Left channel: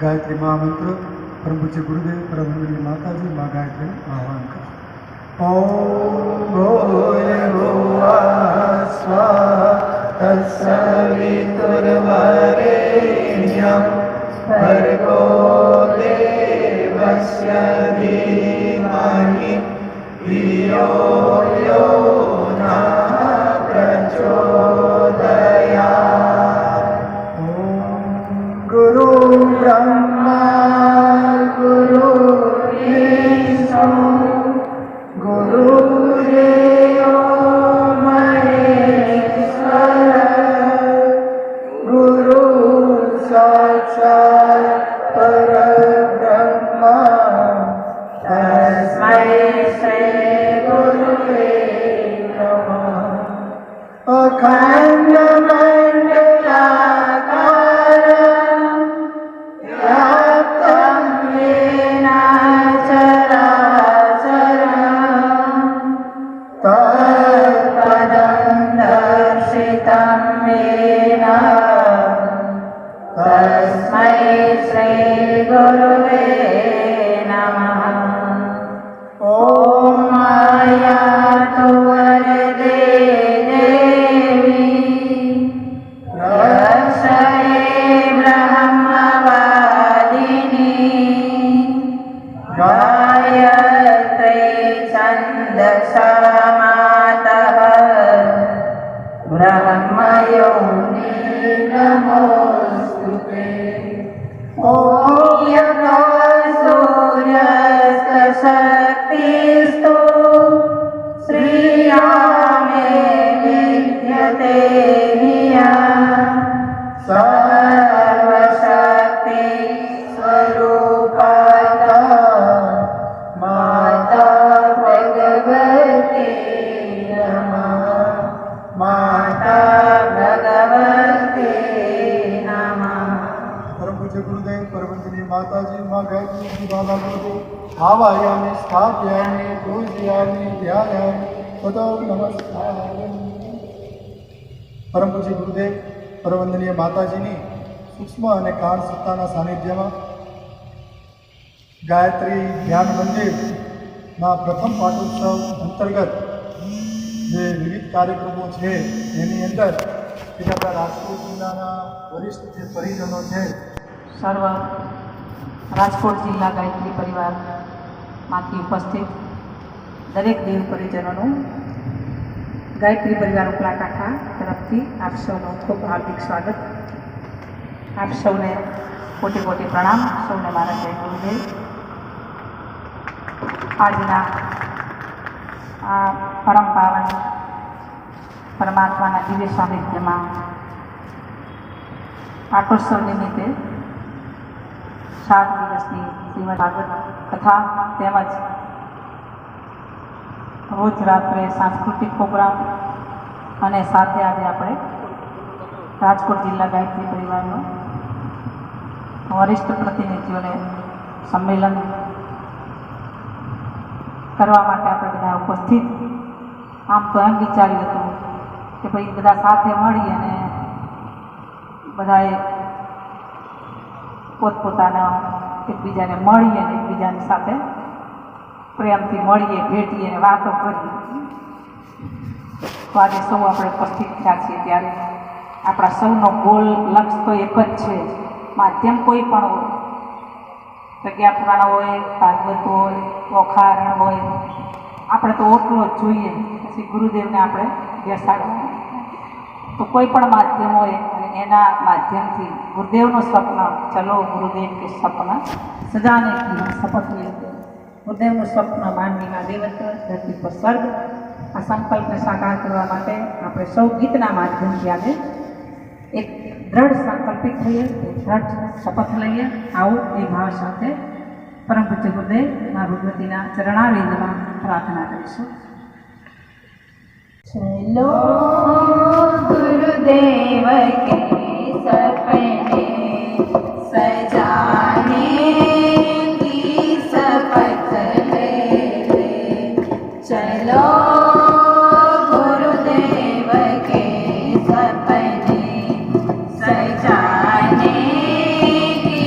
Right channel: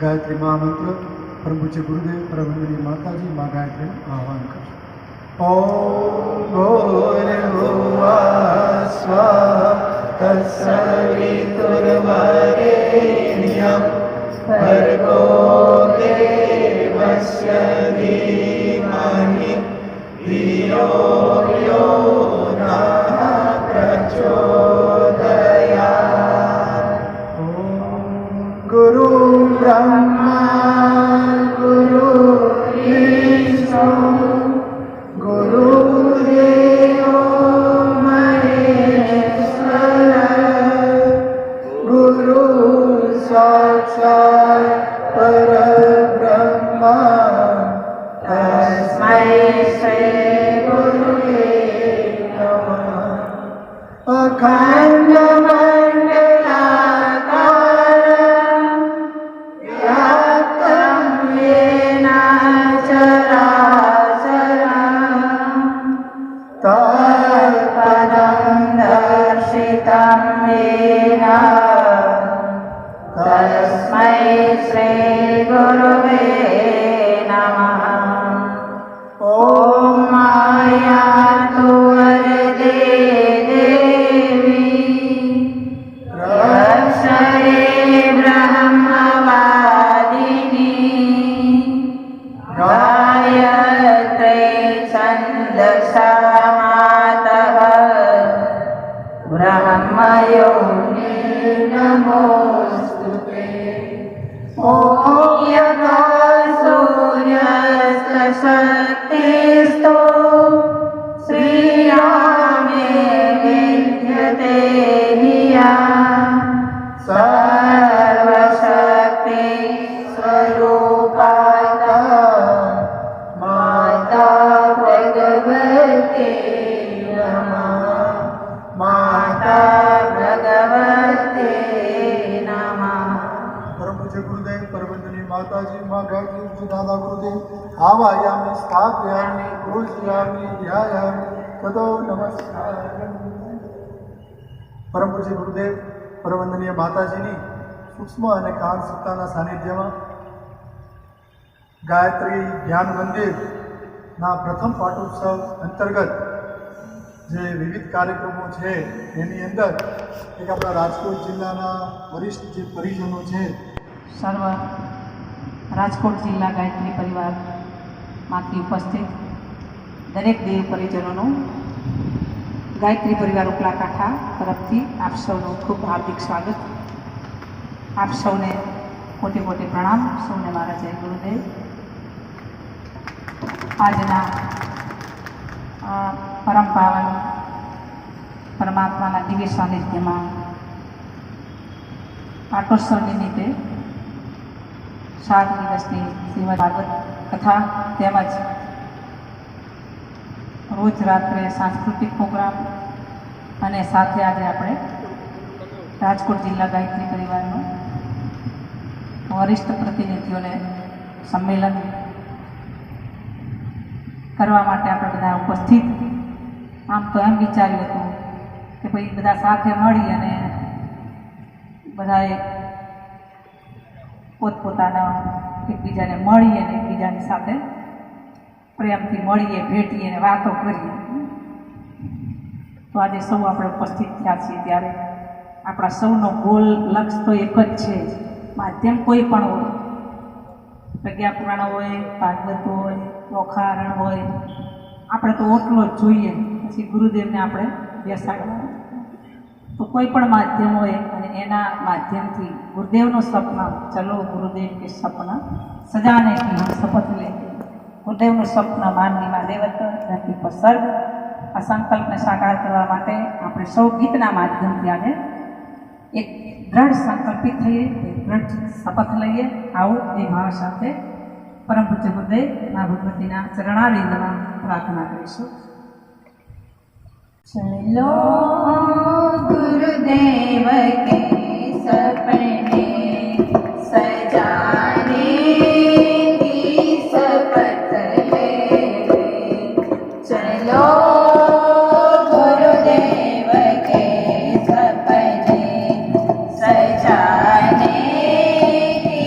गायत्री महामंत्र परम पूज्य गुरुदेव परमवंदनीय माता जी माँ गायत्री आह्वान कर। ओम भूर्भुवः स्वः तत्सवितुर्वरेण्यं भर्गो देवस्य धीमहि धियो यो नः प्रचोदयात्। गुरु ब्रह्मा गुरु विष्णु गुरुदेवो महेश्वर गुरु साक्षात् परब्रह्म तस्मै श्री गुरुवे नमः। अखंड मंडलाकारं व्याप्तं येन चराचरं तत्पदं दर्शितं येन तस्मै श्री गुरुवे नमः। ॐ मायातु वरदे देवी रक्षये ब्रह्मवादिनी गायत्री छन्दसा मातः ब्रह्मयोनि नमोस्तुते। ॐ यथा सूर्यस्तशक्तिस्तु श्रियामे विद्यते धिया सर्वशक्ति स्वरूपाता माता भगवती नमः। माता भगवती नमः। परम पूज्य गुरुदेव परमवंदनीय माता जी माँ गायत्री जी दादा गुरुदेव आवायामि स्थापयामि पूजयामि ध्यायामि ततो नमस्कारयामि। परम पूज्य गुरुदेव परमवंदनीय माताजीनी सूक्ष्म અને કાળ સત્તાના સાનિધ્યમાં ગાયત્રી ધ્યાન મંદિરના પ્રથમ પાટોત્સવ અંતર્ગત જે વિવિધ કાર્યક્રમો છે એની અંદર એક આપણા રાજકોટ જિલ્લાના વરિષ્ઠ જે પરિજનો છે સર્વ રાજકોટ જિલ્લા ગાયત્રી પરિવારમાંથી ઉપસ્થિત દરેક દેવી પરિજનોનું ગાયત્રી પરિવાર ઉપલા કાંઠા તરફથી આપ સૌનું ખૂબ હાર્દિક સ્વાગત। આપ સૌને કોટી કોટી પ્રણામ। સૌને મારા જય ગુરુદેવ। આજના આ પરમ પાવન પરમાત્માના દિવ્ય સાનિધ્યમાં પાટોત્સવ નિમિત્તે 7 દિવસની શ્રીમદ ભાગવત કથા તેમજ રોજ રાત્રે સાંસ્કૃતિક પ્રોગ્રામ અને સાથે આજે આપણે રાજકોટ જિલ્લા ગાયત્રી પરિવારનો વરિષ્ઠ પ્રતિનિધિઓને સંમેલન કરવા માટે આપણે બધા ઉપસ્થિત। આમ તો એમ વિચાર્યું હતું કે ભાઈ બધા સાથે મળી અને બધાએ પોતપોતાના એકબીજાને મળીએ અને એકબીજાની સાથે પ્રેમથી મળીએ ભેટીએ અને વાતો કરીએ। તો આજે સૌ આપણે ઉપસ્થિત થયા છીએ ત્યારે આપણા સૌનો ગોલ લક્ષ્ય તો એક જ છે। માધ્યમ કોઈ પણ હોય, પ્રજ્ઞા પુરાણ હોય, ભાગવત હોય, ઓખારણ હોય, આપણે તો ઓટલો જ જોઈએ, પછી ગુરુદેવને આપણે બેસાડવા। તો કોઈ પણ માધ્યમ હોય અને એના માધ્યમથી ગુરુદેવનું સ્વપ્ન, ચલો ગુરુદેવ કે સપના સજાને કી હમ શપથ લેતે। ગુરુદેવનું સ્વપ્ન માનવીમાં દેવત્વ, ધરતી પર સ્વર્ગ, આ સંકલ્પને સાકાર કરવા માટે આપણે સૌ ગીતના માધ્યમથી આજે એક દ્રઢ સંકલ્પિત થઈએ, એક દ્રઢ શપથ લઈએ। આવું એ ભાવ સાથે પરમ પૂજ્ય ગુરુદેવ મા ભગવતીના ચરણારવિંદમાં પ્રાર્થના કરીશું। चलो गुरुदेव के सपने सजाने की शपथ ले ले। चलो गुरुदेव के सपने सजाने की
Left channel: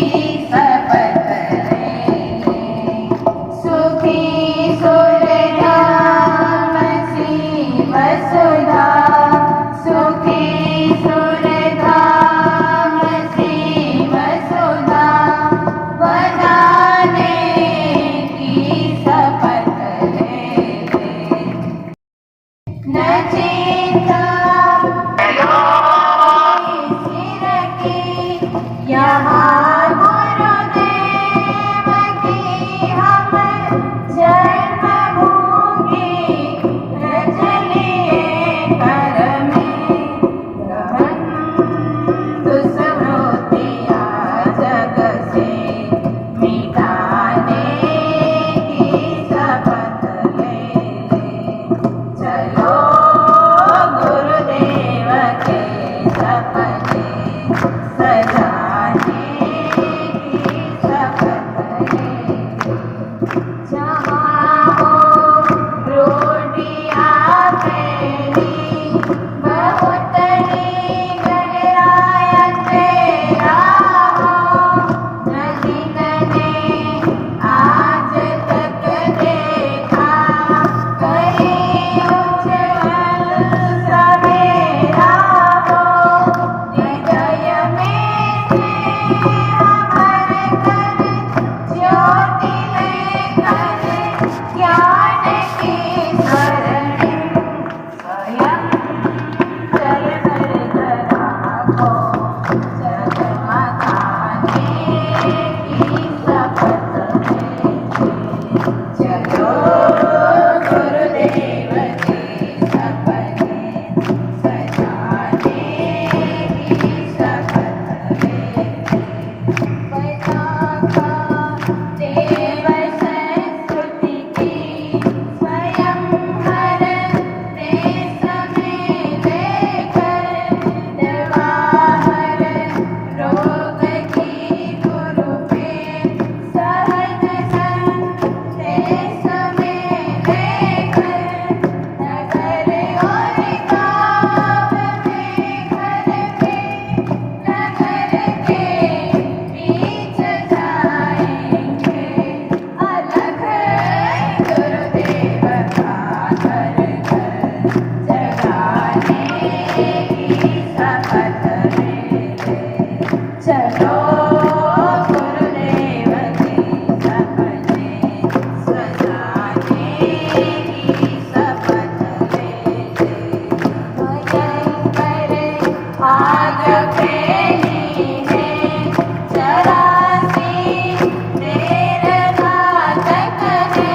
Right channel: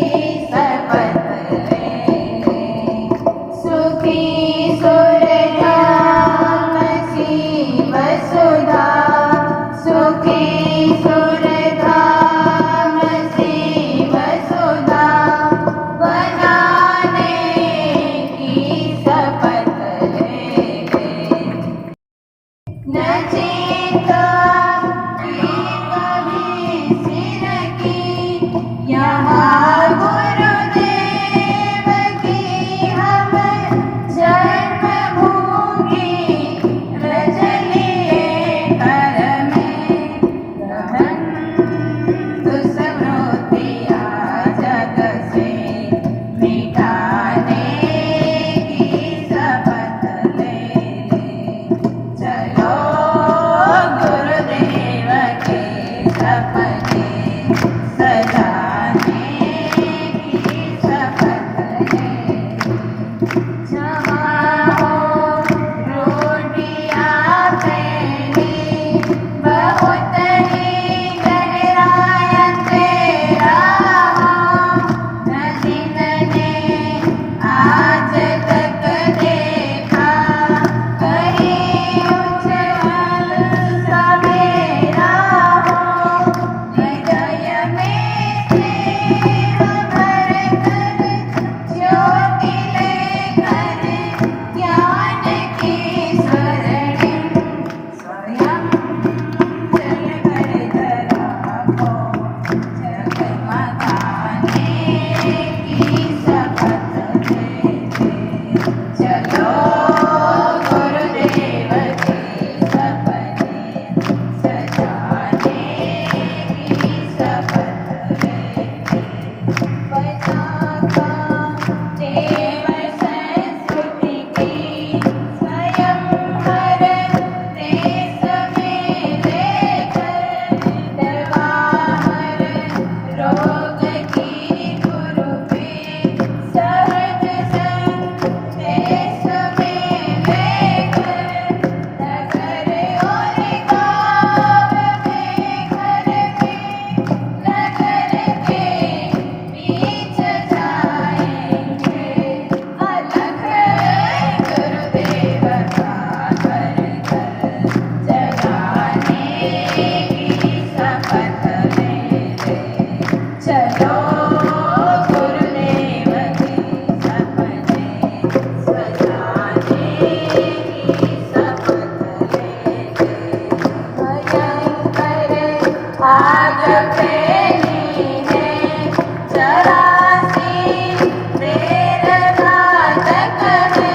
प्रेरणात्मक है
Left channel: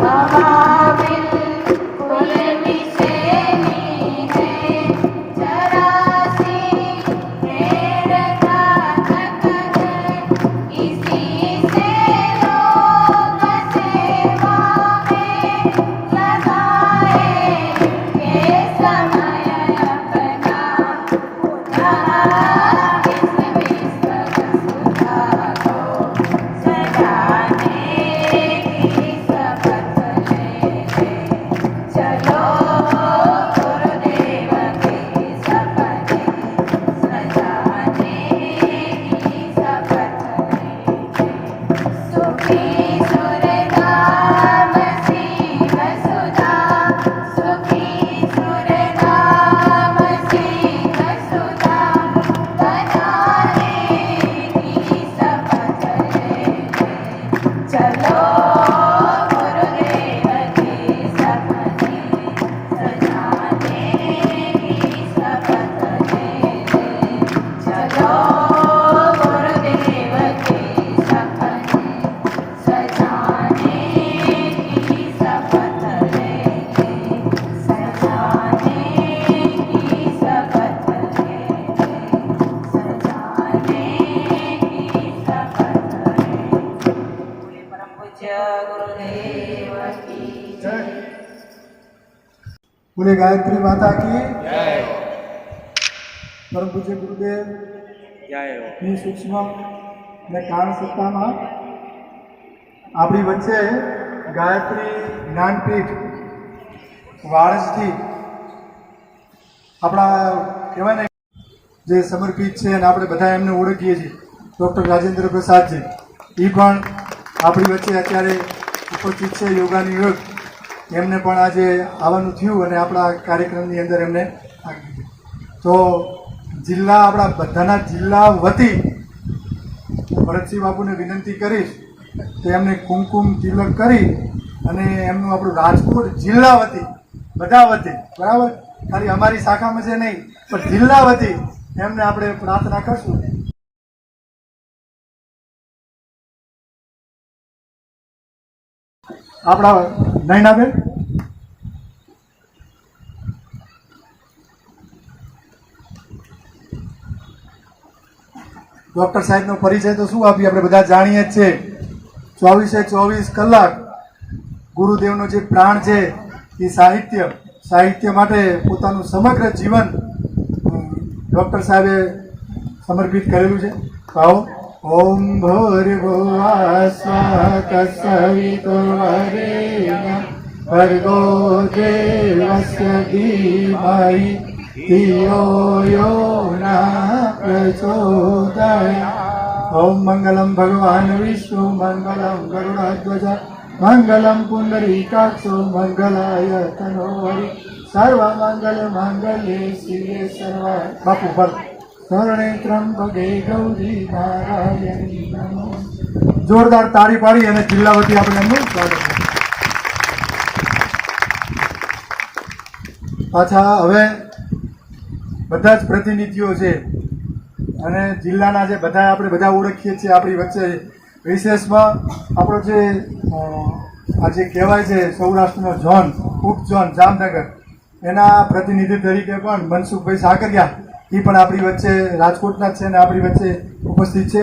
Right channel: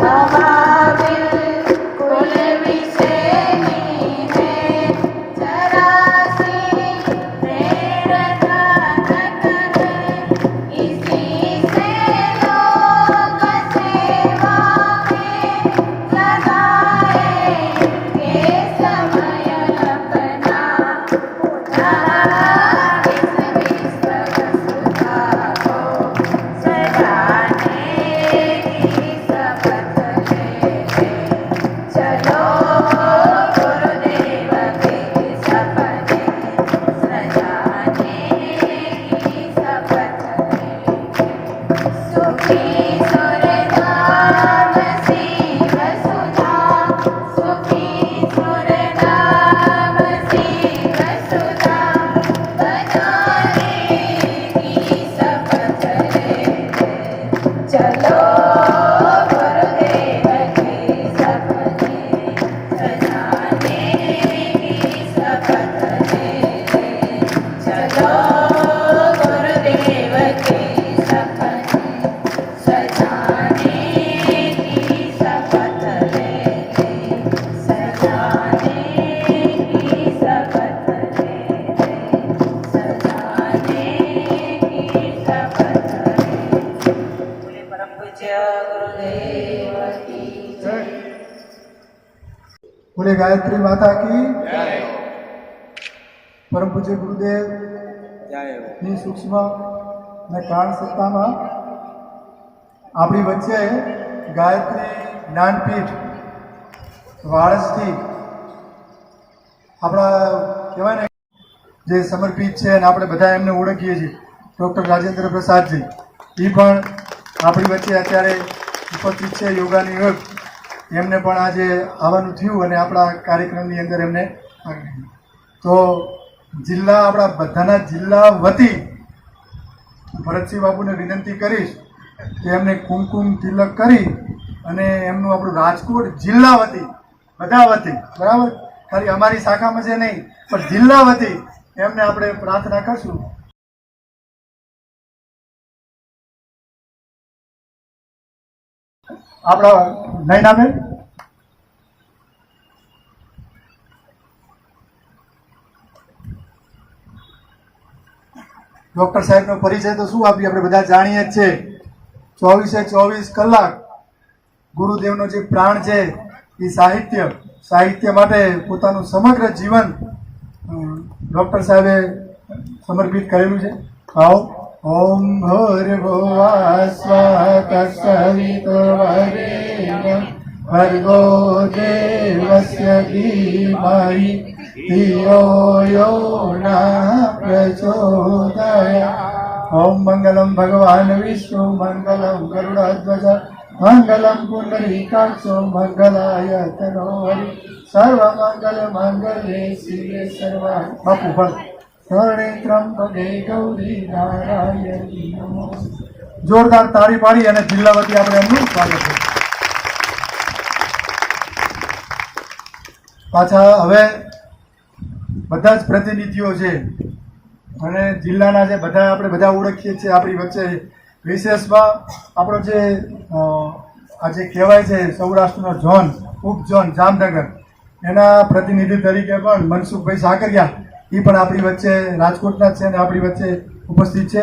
हवा बिल्कुल विषेनी है जरासी प्रेरणात्मक है इसी से लोग सेवा में लगाए के समय अपना उदार इस विश्व वसुधा को सजाने की शपथ लेते चलो गुरुदेव की शपथ सजाने की शपथ लेते सुखी सुरधाम शिव सुधा सुखी सुरधाम शिव सुधा बनाने की शपथ लेते चलो गुरुदेव की शपथ सजाने की शपथ लेते चलो गुरुदेव की शपथ सजाने की शपथ लेते सजाने की शपथ लेते सजाने की शपथ लेते बोले परम पूज्य गुरुदेव की जय बोले गायत्री माता की परम पूज्य गुरुदेव ની સૂક્ષ્મ અને કાળ સત્તામાં આપણી વચ્ચે ગાયત્રી જ્ઞાનપીઠ વાળસથી આપણા કહેવાય ને જે સમર્પિત છે અને આપણે બધા એમને ઓળખીએ છીએ ડૉક્ટર રાજેન્દ્ર પ્રસાદજી એ પણ આપણી વચ્ચે અત્યારે ઉપસ્થિત છે યોગાની યોગ એમને પણ આજે આવવાનું થયું અને આપણા કાર્યક્રમની અંદર એમને આગળ લીધું તો જિલ્લા આપણા બધાના જિલ્લા વતી ભરતસિંહ બાપુને વિનંતી કરીશ કે એમને કુમકુમ તિલક કરી અને એમનું આપણું રાજકોટ જિલ્લા વતી બધા વતી બરાબર ખાલી અમારી શાખામાં છે નહીં પણ જિલ્લા વતી એમને આપણે પ્રાર્થના કરશું આપણા નયનાબેન ડૉક્ટર સાહેબનો પરિચય તો શું આપીએ આપણે બધા જાણીએ જ છે 24/24 કલાક ગુરુદેવનો જે પ્રાણ છે એ સાહિત્ય માટે પોતાનું સમગ્ર જીવન ડૉક્ટર સાહેબે સમર્પિત કરેલું છે આવો ઓમ ભૂર્ભુવઃ સ્વઃ તત્સવિતુર્વરેણ્યં ભર્ગો દેવસ્ય ધીમહિ ધિયો યો નઃ પ્રચોદયાत् ઓમ મંગલમ ભગવાન વિષ્ણુ મંગલમ ગરુડધ્વજ મંગલમ પુંડરીકાક્ષો મંગલાય તનોહરિ સર્વમંગલ મંગલે શિવે સર્વાર્થ બાપુ ભર શરણે ત્રંબકે ગૌરી નારાયણી નમઃ જોરદાર તાળી પાડી અને જિલ્લા વતી આપણે એમનું સ્વાગત કરીએ પાછા હવે બધા જ પ્રતિનિધિઓ છે અને જિલ્લાના જે બધા આપણે બધા ઓળખીએ છીએ આપણી વચ્ચે વિશેષમાં આપણો જે આજે કહેવાય છે સૌરાષ્ટ્રનો ઝોન ઉપઝોન જામનગર એના પ્રતિનિધિ તરીકે પણ મનસુખભાઈ સાકરિયા એ પણ આપણી વચ્ચે રાજકોટના જ છે અને આપણી વચ્ચે ઉપસ્થિત છે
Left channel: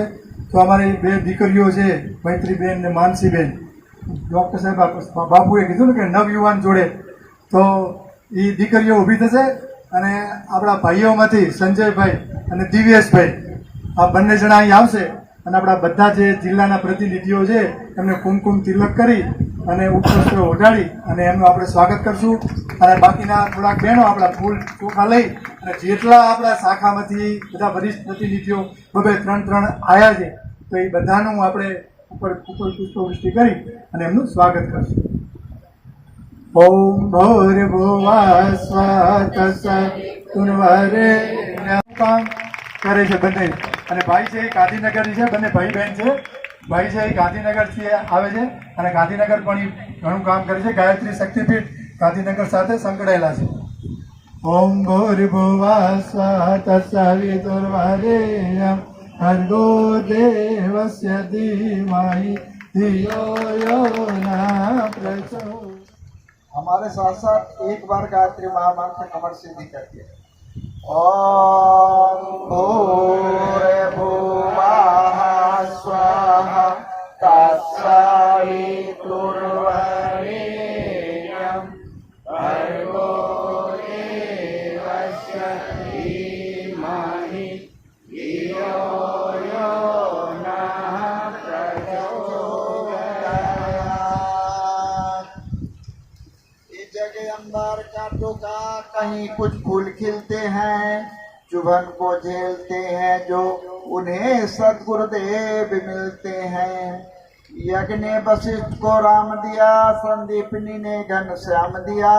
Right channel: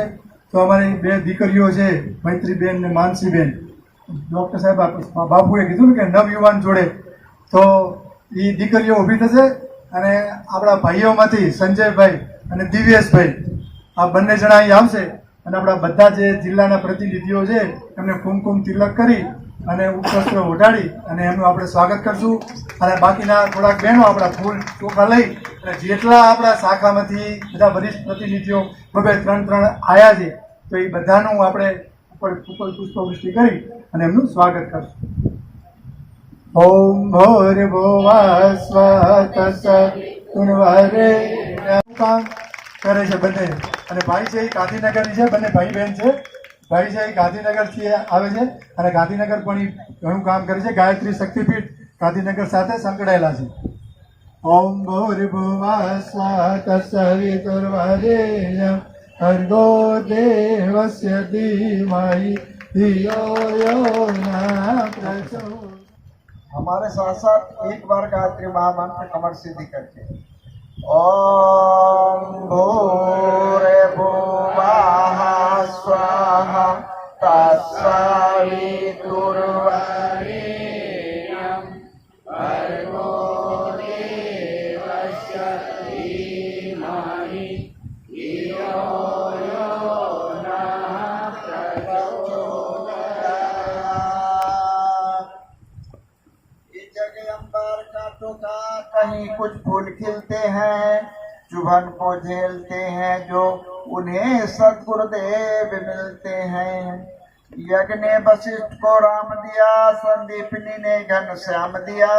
તો અમારી બે દીકરીઓ છે મૈત્રીબેન ને માનસીબેન ડૉક્ટર સાહેબ બાપુએ કીધું ને કે નવયુવાન જોડે તો એ દીકરીઓ ઊભી થશે અને આપણા ભાઈઓમાંથી સંજયભાઈ અને દિવ્યેશભાઈ આ બંને જણા અહીં આવશે અને આપણા બધા જે જિલ્લાના પ્રતિનિધિઓ છે એમને કુમકુમ તિલક કરી અને ઉપવસ્ત્ર ઓઢાડી અને એમનું આપણે સ્વાગત કરશું અને બાકીના થોડાક બહેનો આપણા ફૂલ ચોખા લઈ અને જેટલા આપણા શાખામાંથી બધા વરિષ્ઠ પ્રતિનિધિઓ બબે 3 આવ્યા છે તો એ બધાનું આપણે ઉપર પુષ્પવૃષ્ટિ કરી અને એમનું સ્વાગત કરશું ઓમ ભૂર્ભુવઃ સ્વઃ તત્સવિતુર્વરેણ્યં કામ કરે છે બંને અને ભાઈ છે એ ગાંધીનગરની છે બંને ભાઈ બહેન છે ભાઈ છે એ ગાંધીનગરથી આવે છે અને ગાંધીનગર પણ એ ઘણું કામ કરે છે ગાયત્રી શક્તિપીઠ ગાંધીનગર સાથે સંકળાયેલા છે ઓમ ભૂર્ભુવઃ સ્વઃ તત્સવિતુર્વરેણ્યં भर्गो देवस्य धीमहि धियो यो न प्रचोदयात्। हमारे साथ साथ एक बार गायत्री महामंत्र कमर सीधी करके ओम भूर्भुवः स्वाहा तत्सवितुर्वरेण्यं भर्गो देवस्य धीमहि धियो यो नः प्रचोदयात्। इस जगह अंबार कांटों का कहीं कुछ फूल खिलते हैं, चुभन को झेलते हैं जो उन्हें सद्गुरुदेव मिलते हैं। यज्ञ ने वशिष्ठ को राम दिया, संदीपनी ने घनश्याम दिया,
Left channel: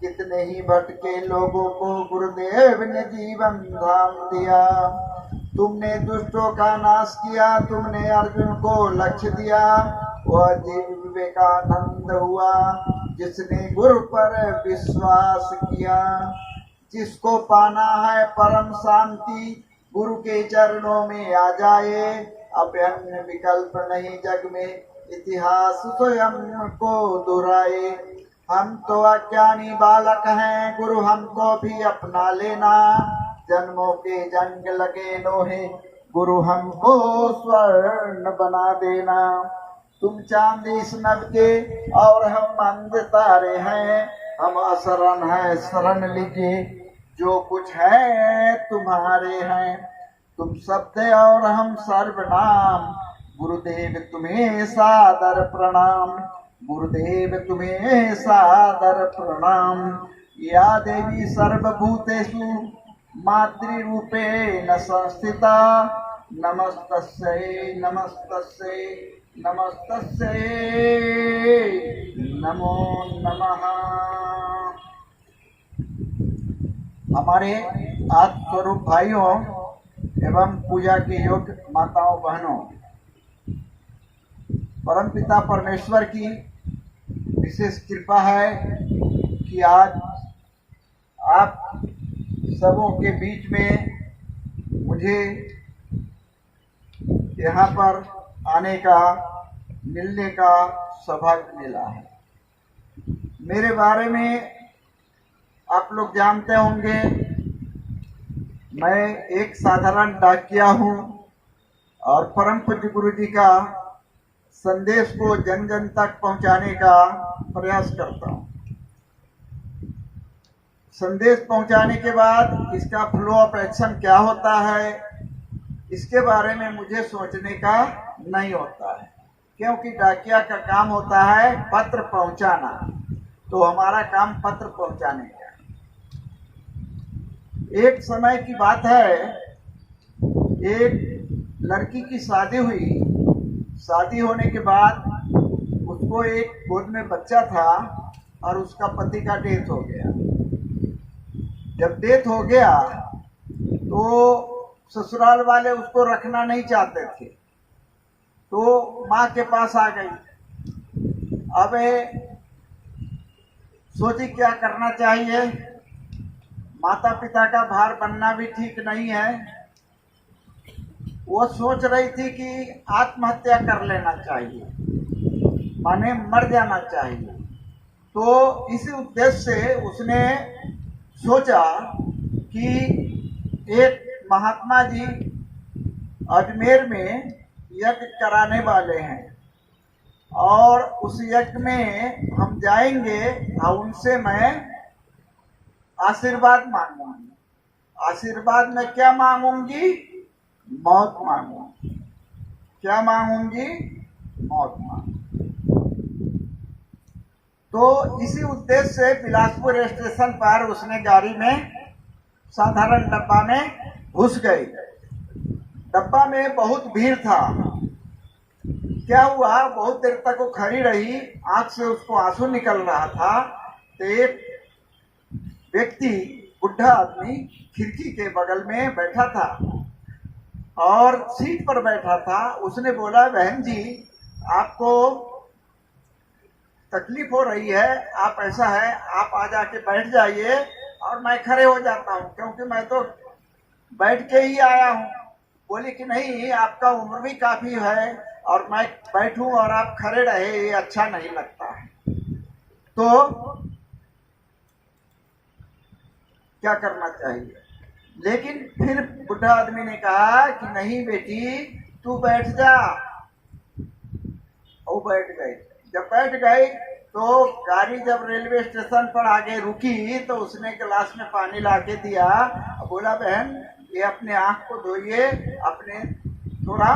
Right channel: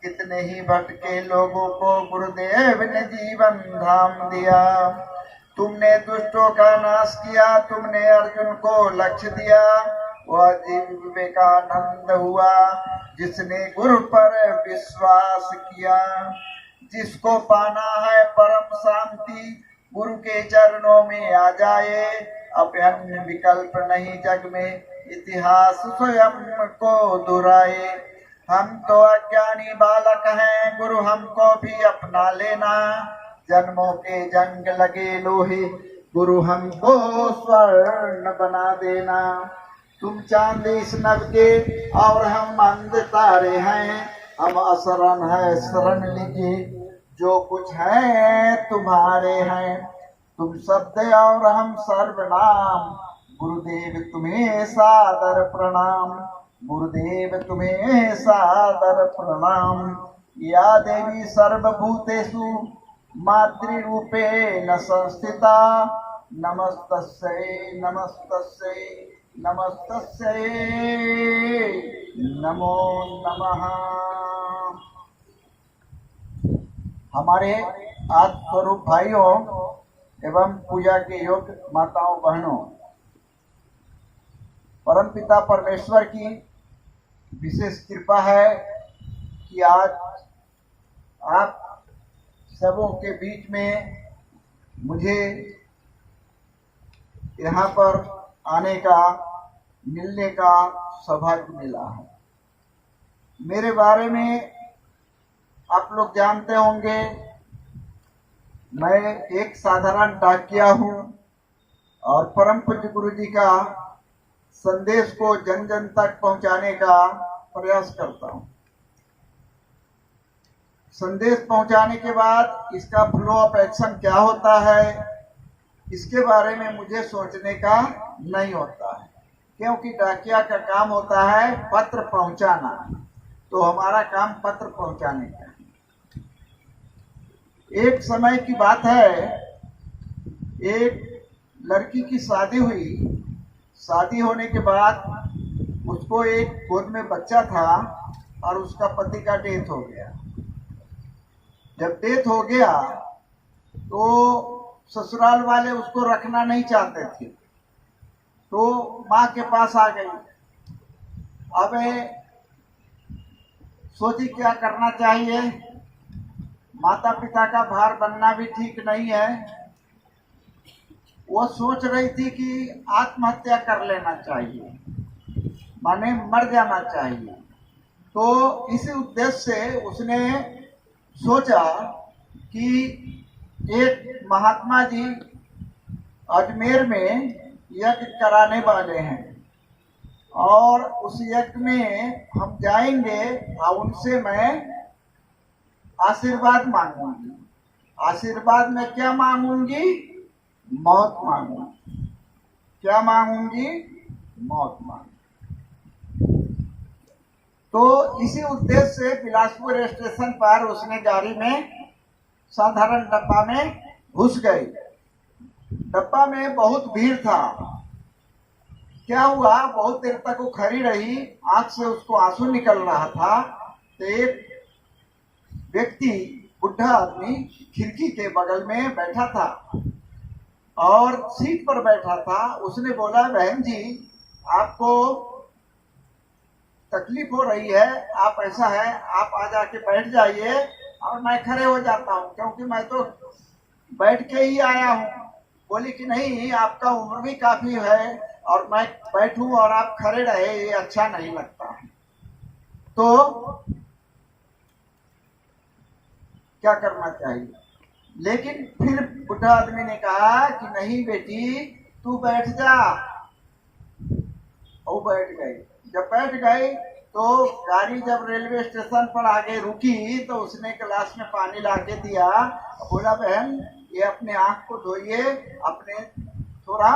कितने ही भटके लोगों को गुरुदेव ने जीवन धाम दिया। तुमने दुष्टों का नाश किया, तुमने अर्जुन को लक्ष्य दिया, वह जीव विवेकानंद हुआ जिसने गुरु पर विश्वास किया। जिसको पाना है परम शांति, गुरु के चरणों में आ जाए, अब अन्य विकल्प नहीं जग में, इतिहास स्वयं को दोहराए। हम तो अज्ञानी बालक हैं, गुरु हमको भी अपना लेना, जन्मों के जंग लगे लोहे, गुरु हमको स्वर्ण बना देना। तुम चांद इस नभ के और हम अंध तारे हैं, हम असरण है शरण लीजिए, जो कुछ है तुम्हारे हैं। तुम शब्द और हम सर्वनाम, गुरुदेव तुम्हें सादर प्रणाम, गुरुदेव तुम्हें सादर प्रणाम। या देवी सर्वभूतेषु मातृरूपेण संस्थिता, नमस्तस्यै नमस्तस्यै नमस्तस्यै नमो नमः। हमारे आत्म स्वरूप भाइयों एवं पूजा के योग्य माताओं बहनों, परमपिता परमेश्वर की विशेष कृपा है कि आज आप सबों के बीच में मुझे यहाँ पर आने का, मिलने का सौभाग्य मिला है। मेरे बारे में आप लोग जानते होंगे, मैं एक साधारण डाकिया हूँ और परम पूज्य गुरु जी का संदेश को जन जन तक पहुँचाने का प्रयास करता हूँ। संदेश पहुँचाने के बाद इसका फ्लो ऑफ एक्शन क्या होता है, इसके बारे में मुझे सोचने का नहीं होता है, क्योंकि डाकिया का काम होता है पत्र पहुँचाना, तो हमारा काम पत्र पहुँचाने का। एक समय की बात है, एक लड़की की शादी हुई। शादी होने के बाद उसको एक गोद में बच्चा था और उसका पति का डेथ हो गया। जब डेथ हो गया तो ससुराल वाले उसको रखना नहीं चाहते थे, तो माँ के पास आ गई। अब सोची क्या करना चाहिए, माता पिता का भार बनना भी ठीक नहीं है। वो सोच रही थी कि आत्महत्या कर लेना चाहिए, माने मर जाना चाहिए। तो इसी उद्देश्य से उसने सोचा कि एक महात्मा जी अजमेर में यज्ञ कराने वाले हैं और उस यज्ञ में हम जाएंगे और उनसे मैं आशीर्वाद मांगूंगी। आशीर्वाद में क्या मांगूंगी? मौत मांगूंगी। क्या मांगूंगी? मौत मांगूंगी। तो इसी उद्देश्य से बिलासपुर स्टेशन पर उसने गाड़ी में साधारण डब्बा में घुस गई। डब्बा में बहुत भीड़ था। क्या हुआ, बहुत देर तक वो खड़ी रही, आंख से उसको आंसू निकल रहा था। तो एक व्यक्ति, बुढ़ा आदमी, खिड़की के बगल में बैठा था और सीट पर बैठा था। उसने बोला, बहन जी आपको तकलीफ हो रही है, आप ऐसा है आप आ जाके बैठ जाइए और मैं खड़े हो जाता हूँ, क्योंकि मैं तो बैठ के ही आया हूँ। बोली कि नहीं, आपका उम्र भी काफी है और मैं बैठूं और आप खड़े रहे, ये अच्छा नहीं लगता है। तो क्या करना चाहिए? लेकिन फिर बुढ़ा आदमी ने कहा कि नहीं बेटी, तू बैठ जा। वो बैठ गई। जब बैठ गई तो गाड़ी जब रेलवे स्टेशन पर आगे रुकी तो उसने गिलास में पानी लाके दिया, बोला बहन ये अपने आंख को धोइए, अपने थोड़ा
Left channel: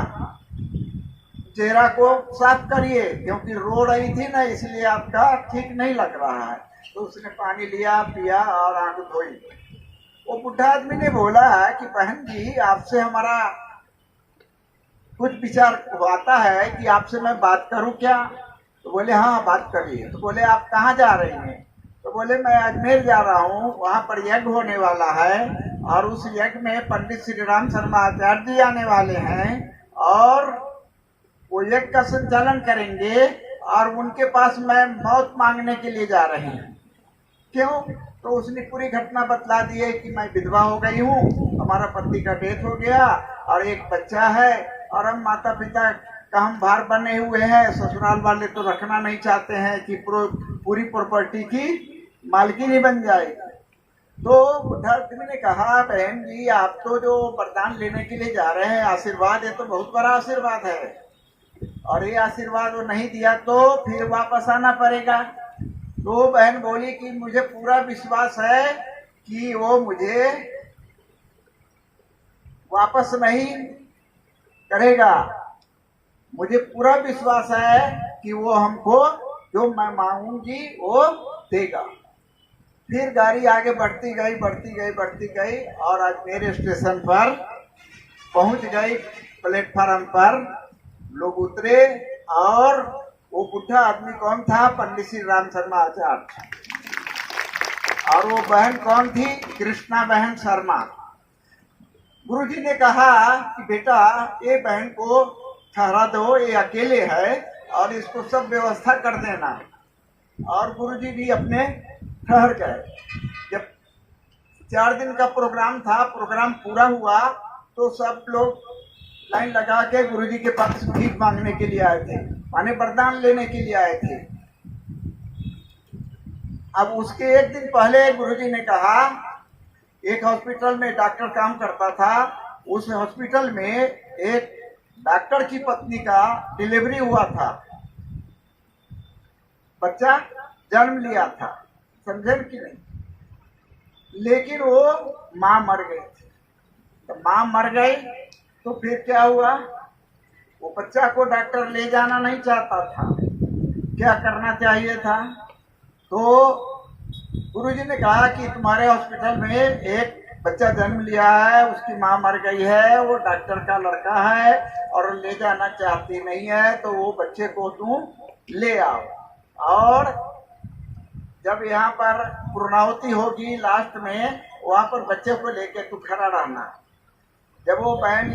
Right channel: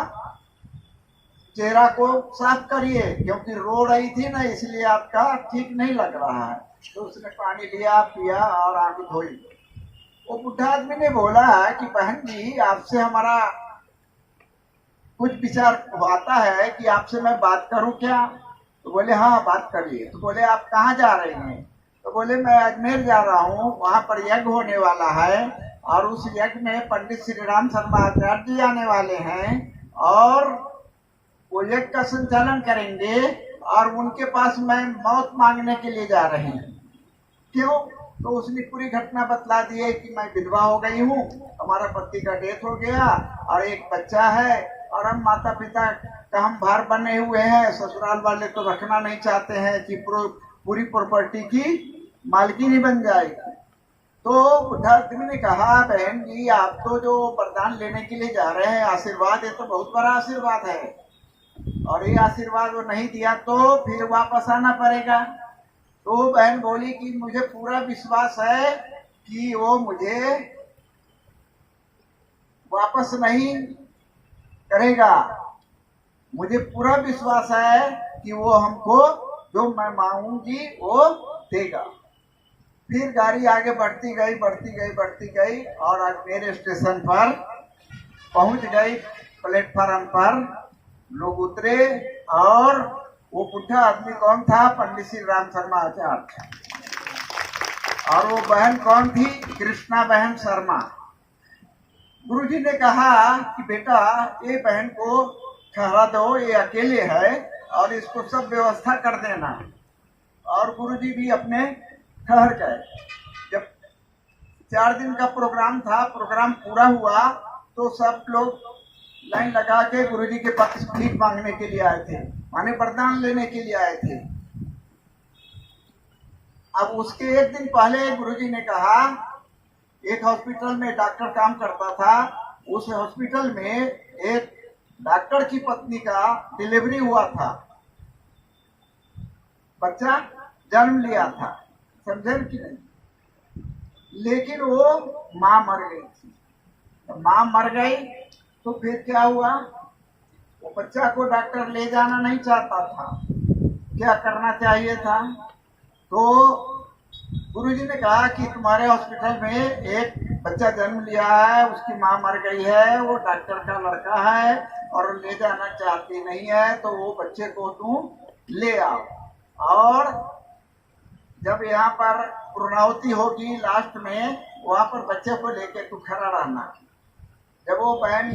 चेहरा को साफ करिए, क्योंकि रो रही थी ना, इसलिए आपका ठीक नहीं लग रहा है। तो उसने पानी लिया, पिया और आंख धोई। वो बुढ़ा आदमी ने बोला कि बहन जी, आपसे हमारा कुछ विचार आता है कि आपसे मैं बात करूं क्या? तो बोले हाँ बात करिए। तो बोले आप कहाँ जा रही हैं? तो बोले मैं अजमेर जा रहा हूँ, वहां पर यज्ञ होने वाला है और उस यज्ञ में पंडित श्री राम शर्मा आचार्य जी आने वाले हैं और वो यज्ञ का संचालन करेंगे और उनके पास मैं मौत मांगने के लिए जा रही हूँ। क्यों? तो उसने पूरी घटना बतला दी है कि मैं विधवा हो गई हूँ, हमारा पति का डेथ हो गया और एक बच्चा है और हम माता पिता का हम भार बने हुए हैं। ससुराल वाले तो रखना नहीं चाहते हैं कि पूरी प्रॉपर्टी की मालकिन ही बन जाएगी। तो बुढ़ा आदमी ने कहा बहन जी, आप तो जो वरदान लेने के लिए जा रहे हैं, आशीर्वाद, ये तो बहुत बड़ा आशीर्वाद है और ये आशीर्वाद वो नहीं दिया तो फिर वापस आना पड़ेगा। तो बहन बोली कि मुझे पूरा विश्वास है कि वो मुझे वापस नहीं करेगा, मुझे पूरा विश्वास है कि वो हमको जो मैं मांगूंगी वो देगा। फिर गाड़ी आगे बढ़ती गई और अजमेर स्टेशन पर पहुंच गई। प्लेटफार्म पर लोग उतरे और वो बुढ़ा आदमी कौन था? पंडित श्री राम शर्मा आचार्य। और वो बहन कौन थी? कृष्णा बहन शर्मा। गुरुजी ने कहा कि बेटा ये बहन को ठहरा दो, ये अकेले है और इसको सब व्यवस्था कर देना। और गुरुजी भी अपने ठहर गए। जब 4 दिन का प्रोग्राम था, प्रोग्राम पूरा हुआ तो सब लोग लाइन लगा के गुरुजी के पास भीख मांगने के लिए आए थे, माने वरदान लेने के लिए आए थे। अब उसके एक दिन पहले गुरुजी ने कहा, एक हॉस्पिटल में डॉक्टर काम करता था, उस हॉस्पिटल में एक डॉक्टर की पत्नी का डिलीवरी हुआ था, बच्चा जन्म लिया था, समझे कि नहीं? लेकिन वो माँ मर गई थी। तो माँ मर गई तो फिर क्या हुआ? वो बच्चा को डॉक्टर ले जाना नहीं चाहता था। क्या करना चाहिए था? तो गुरुजी ने कहा कि तुम्हारे हॉस्पिटल में एक बच्चा जन्म लिया है, उसकी माँ मर गई है, वो डॉक्टर का लड़का है और ले जाना चाहती नहीं है, तो वो बच्चे को तुम ले आओ और जब यहाँ पर पूर्णाहुति होगी लास्ट में, वहां पर बच्चे को लेके तू खड़ा रहना। जब वो बहन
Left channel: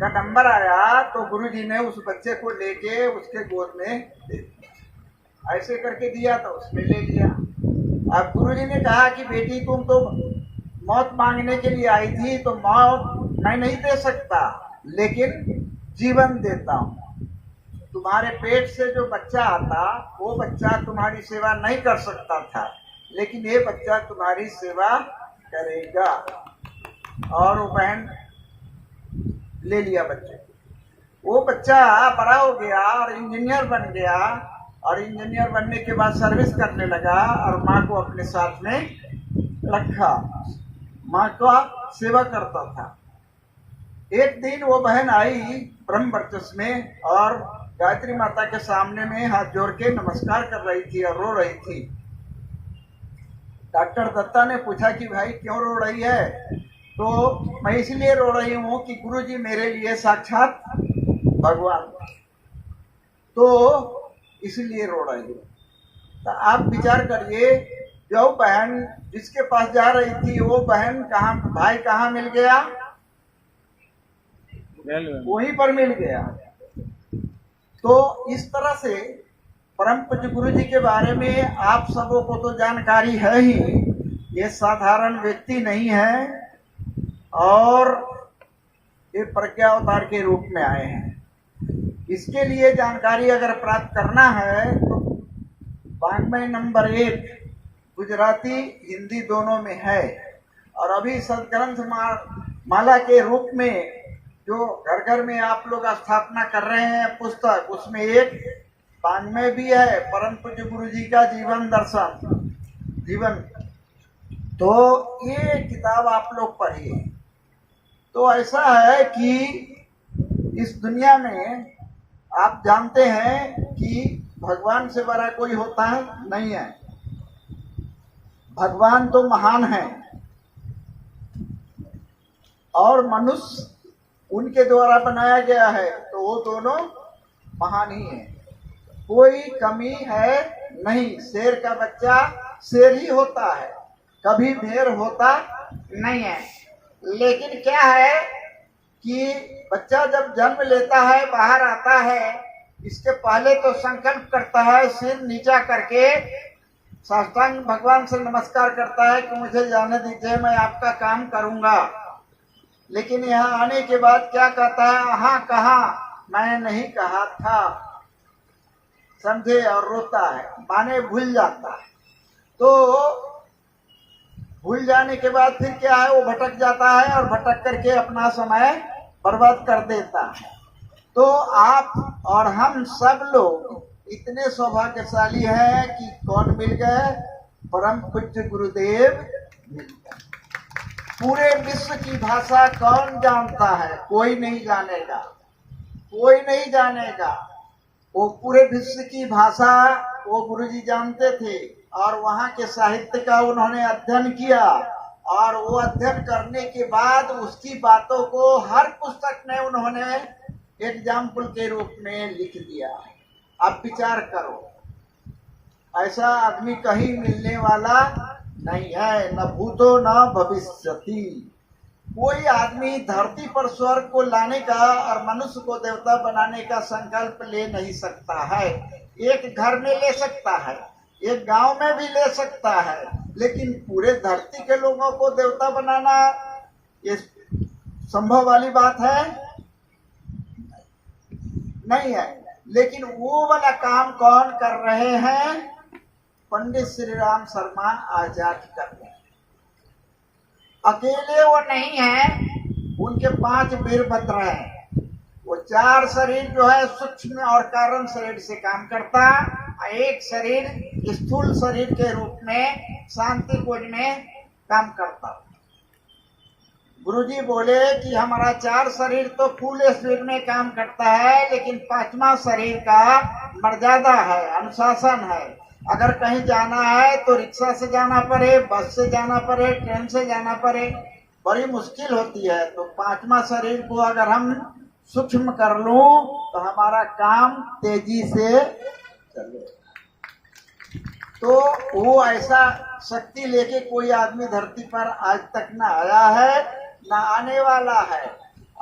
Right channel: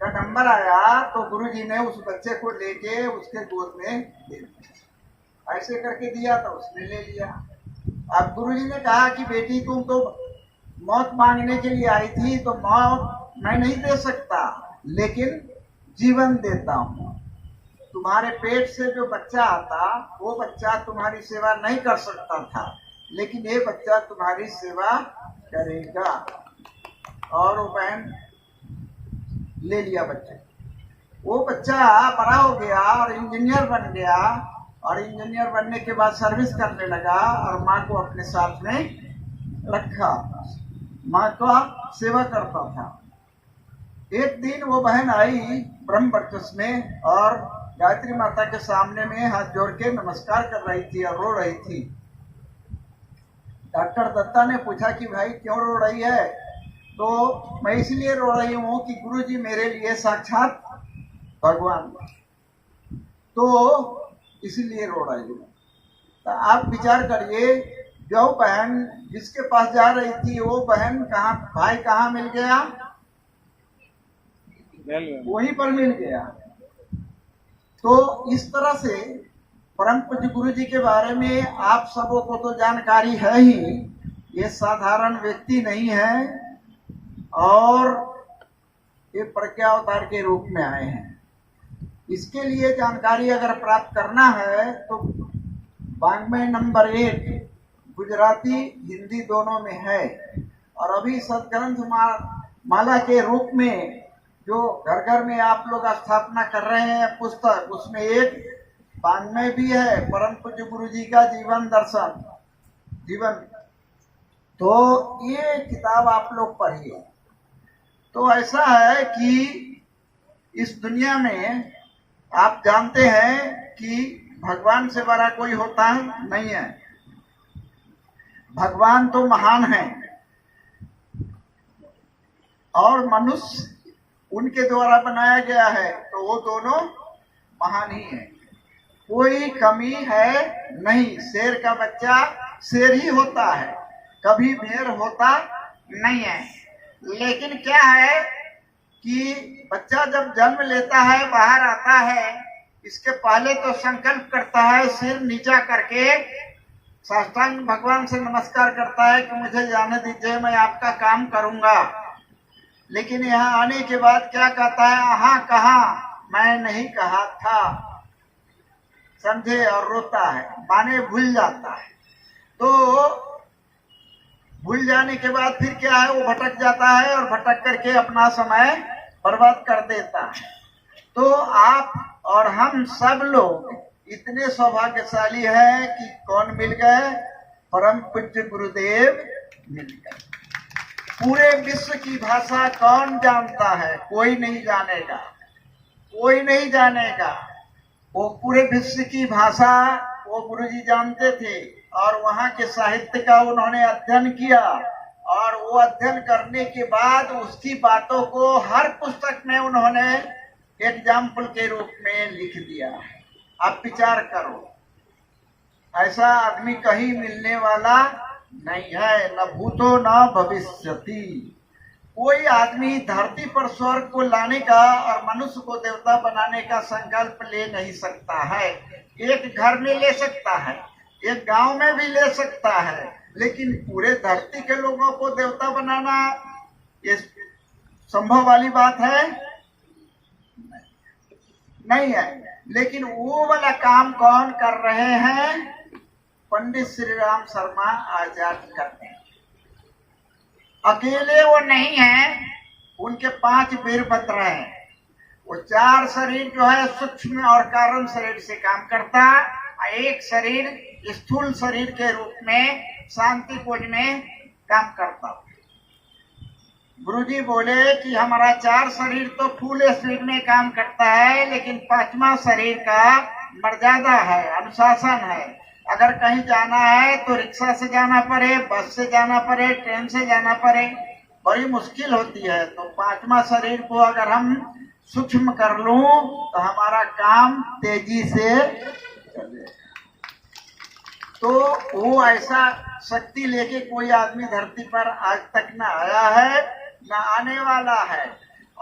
का नंबर आया तो गुरुजी ने उस बच्चे को लेके उसके गोद में दे दिया। ऐसे करके दिया था, उसने ले लिया। अब गुरुजी ने कहा कि बेटी तुम तो मौत मांगने के लिए आई थी, तो मौत मैं नहीं दे सकता, लेकिन जीवन देता हूँ। तुम्हारे पेट से जो बच्चा आता वो बच्चा तुम्हारी सेवा नहीं कर सकता था, लेकिन ये बच्चा तुम्हारी सेवा करेगा। और वो बहन ले लिया बच्चे। वो बच्चा बड़ा हो गया और इंजीनियर बन गया और इंजीनियर बनने के बाद सर्विस करने लगा और माँ को अपने साथ में रखा, माँ का सेवा करता था। एक दिन वो बहन आई ब्रह्म वर्चस्व में और गायत्री माता के सामने में हाथ जोड़ के नमस्कार कर रही थी और रो रही थी। डॉक्टर दत्ता ने पूछा कि भाई क्यों रो रही है? तो मैं इसलिए रो रही हूँ कि गुरुजी मेरे लिए साक्षात भगवान, तो इसलिए रो रही हूँ। तो आप विचार करिए, जो बहन जिसके पास जा रही थी वो बहन कहाँ, भाई कहाँ मिल गया? वहीं पर मिल गया। तो इस तरह से परम पूज्य गुरु जी के बारे में आप सबों को तो जानकारी है ही, ये साधारण व्यक्ति नहीं है और ये प्रज्ञावतार के रूप में आए हैं। इसके लिए जानकारी अगर प्राप्त करना है तो वाङ्मय नंबर 1 गुजराती हिंदी दोनों में है, और अभी सदग्रंथ माला के रूप में जो घर घर में आप लोग स्थापना कर रहे हैं पुस्तक, उसमें एक वाङ्मय भी है, परम पूज्य गुरु जी का जीवन दर्शन जीवन। तो ये किताब आप लोग पढ़िए। तो ऐसा है कि इस दुनिया में आप जानते हैं कि भगवान से बड़ा कोई होता है नहीं है। भगवान तो महान है और मनुष्य उनके द्वारा बनाया गया है, तो वो दोनों महान ही है, कोई कमी है नहीं। शेर का बच्चा शेर ही होता है, कभी भेड़ होता नहीं है। लेकिन क्या है कि बच्चा जब जन्म लेता है, बाहर आता है, इसके पहले तो संकल्प करता है, सिर नीचा करके साष्टांग भगवान से नमस्कार करता है कि मुझे जाने दीजिए, मैं आपका काम करूंगा। लेकिन यहाँ आने के बाद क्या कहता है, हाँ कहा, मैं नहीं कहा था, समझे, और रोता है, माने भूल जाता है। तो भूल जाने के बाद फिर क्या है, वो भटक जाता है और भटक करके अपना समय बर्बाद कर देता है। तो आप और हम सब लोग इतने सौभाग्यशाली हैं कि कौन मिल गए, परम पूज्य गुरुदेव मिल गए। पूरे विश्व की भाषा कौन जानता है, कोई नहीं जानेगा, कोई नहीं जानेगा। वो पूरे विश्व की भाषा वो गुरुजी जानते थे, और वहाँ के साहित्य का उन्होंने अध्ययन किया, और वो अध्ययन करने के बाद उसकी बातों को हर पुस्तक में उन्होंने एग्जाम्पल के रूप में लिख दिया है। आप विचार करो, ऐसा आदमी कहीं मिलने वाला नहीं है, न भूतो न भविष्यति। कोई आदमी धरती पर स्वर्ग को लाने का और मनुष्य को देवता बनाने का संकल्प ले नहीं सकता है। एक घर में ले सकता है, एक गांव में भी ले सकता है, लेकिन पूरे धरती के लोगों को देवता बनाना ये संभव वाली बात है नहीं है। लेकिन वो वाला काम कौन कर रहे हैं, पंडित श्री राम शर्मा आचार्य करते हैं। अकेले वो नहीं है, उनके 5 वीरभद्र हैं। वो 4 शरीर जो है सूक्ष्म और कारण शरीर से काम करता, एक शरीर स्थूल शरीर के रूप में शांति खोज में काम करता। गुरुजी बोले कि हमारा 4 शरीर तो फूल स्पीड में काम करता है, लेकिन 5वां शरीर का मर्यादा है, अनुशासन है। अगर कहीं जाना है तो रिक्शा से जाना पड़े, बस से जाना पड़े, ट्रेन से जाना पड़े, बड़ी मुश्किल होती है। तो 5वां शरीर को अगर हम सूक्ष्म कर लूं तो हमारा काम तेजी से चले। तो वो ऐसा शक्ति लेके कोई आदमी धरती पर आज तक न आया है, न आने वाला है।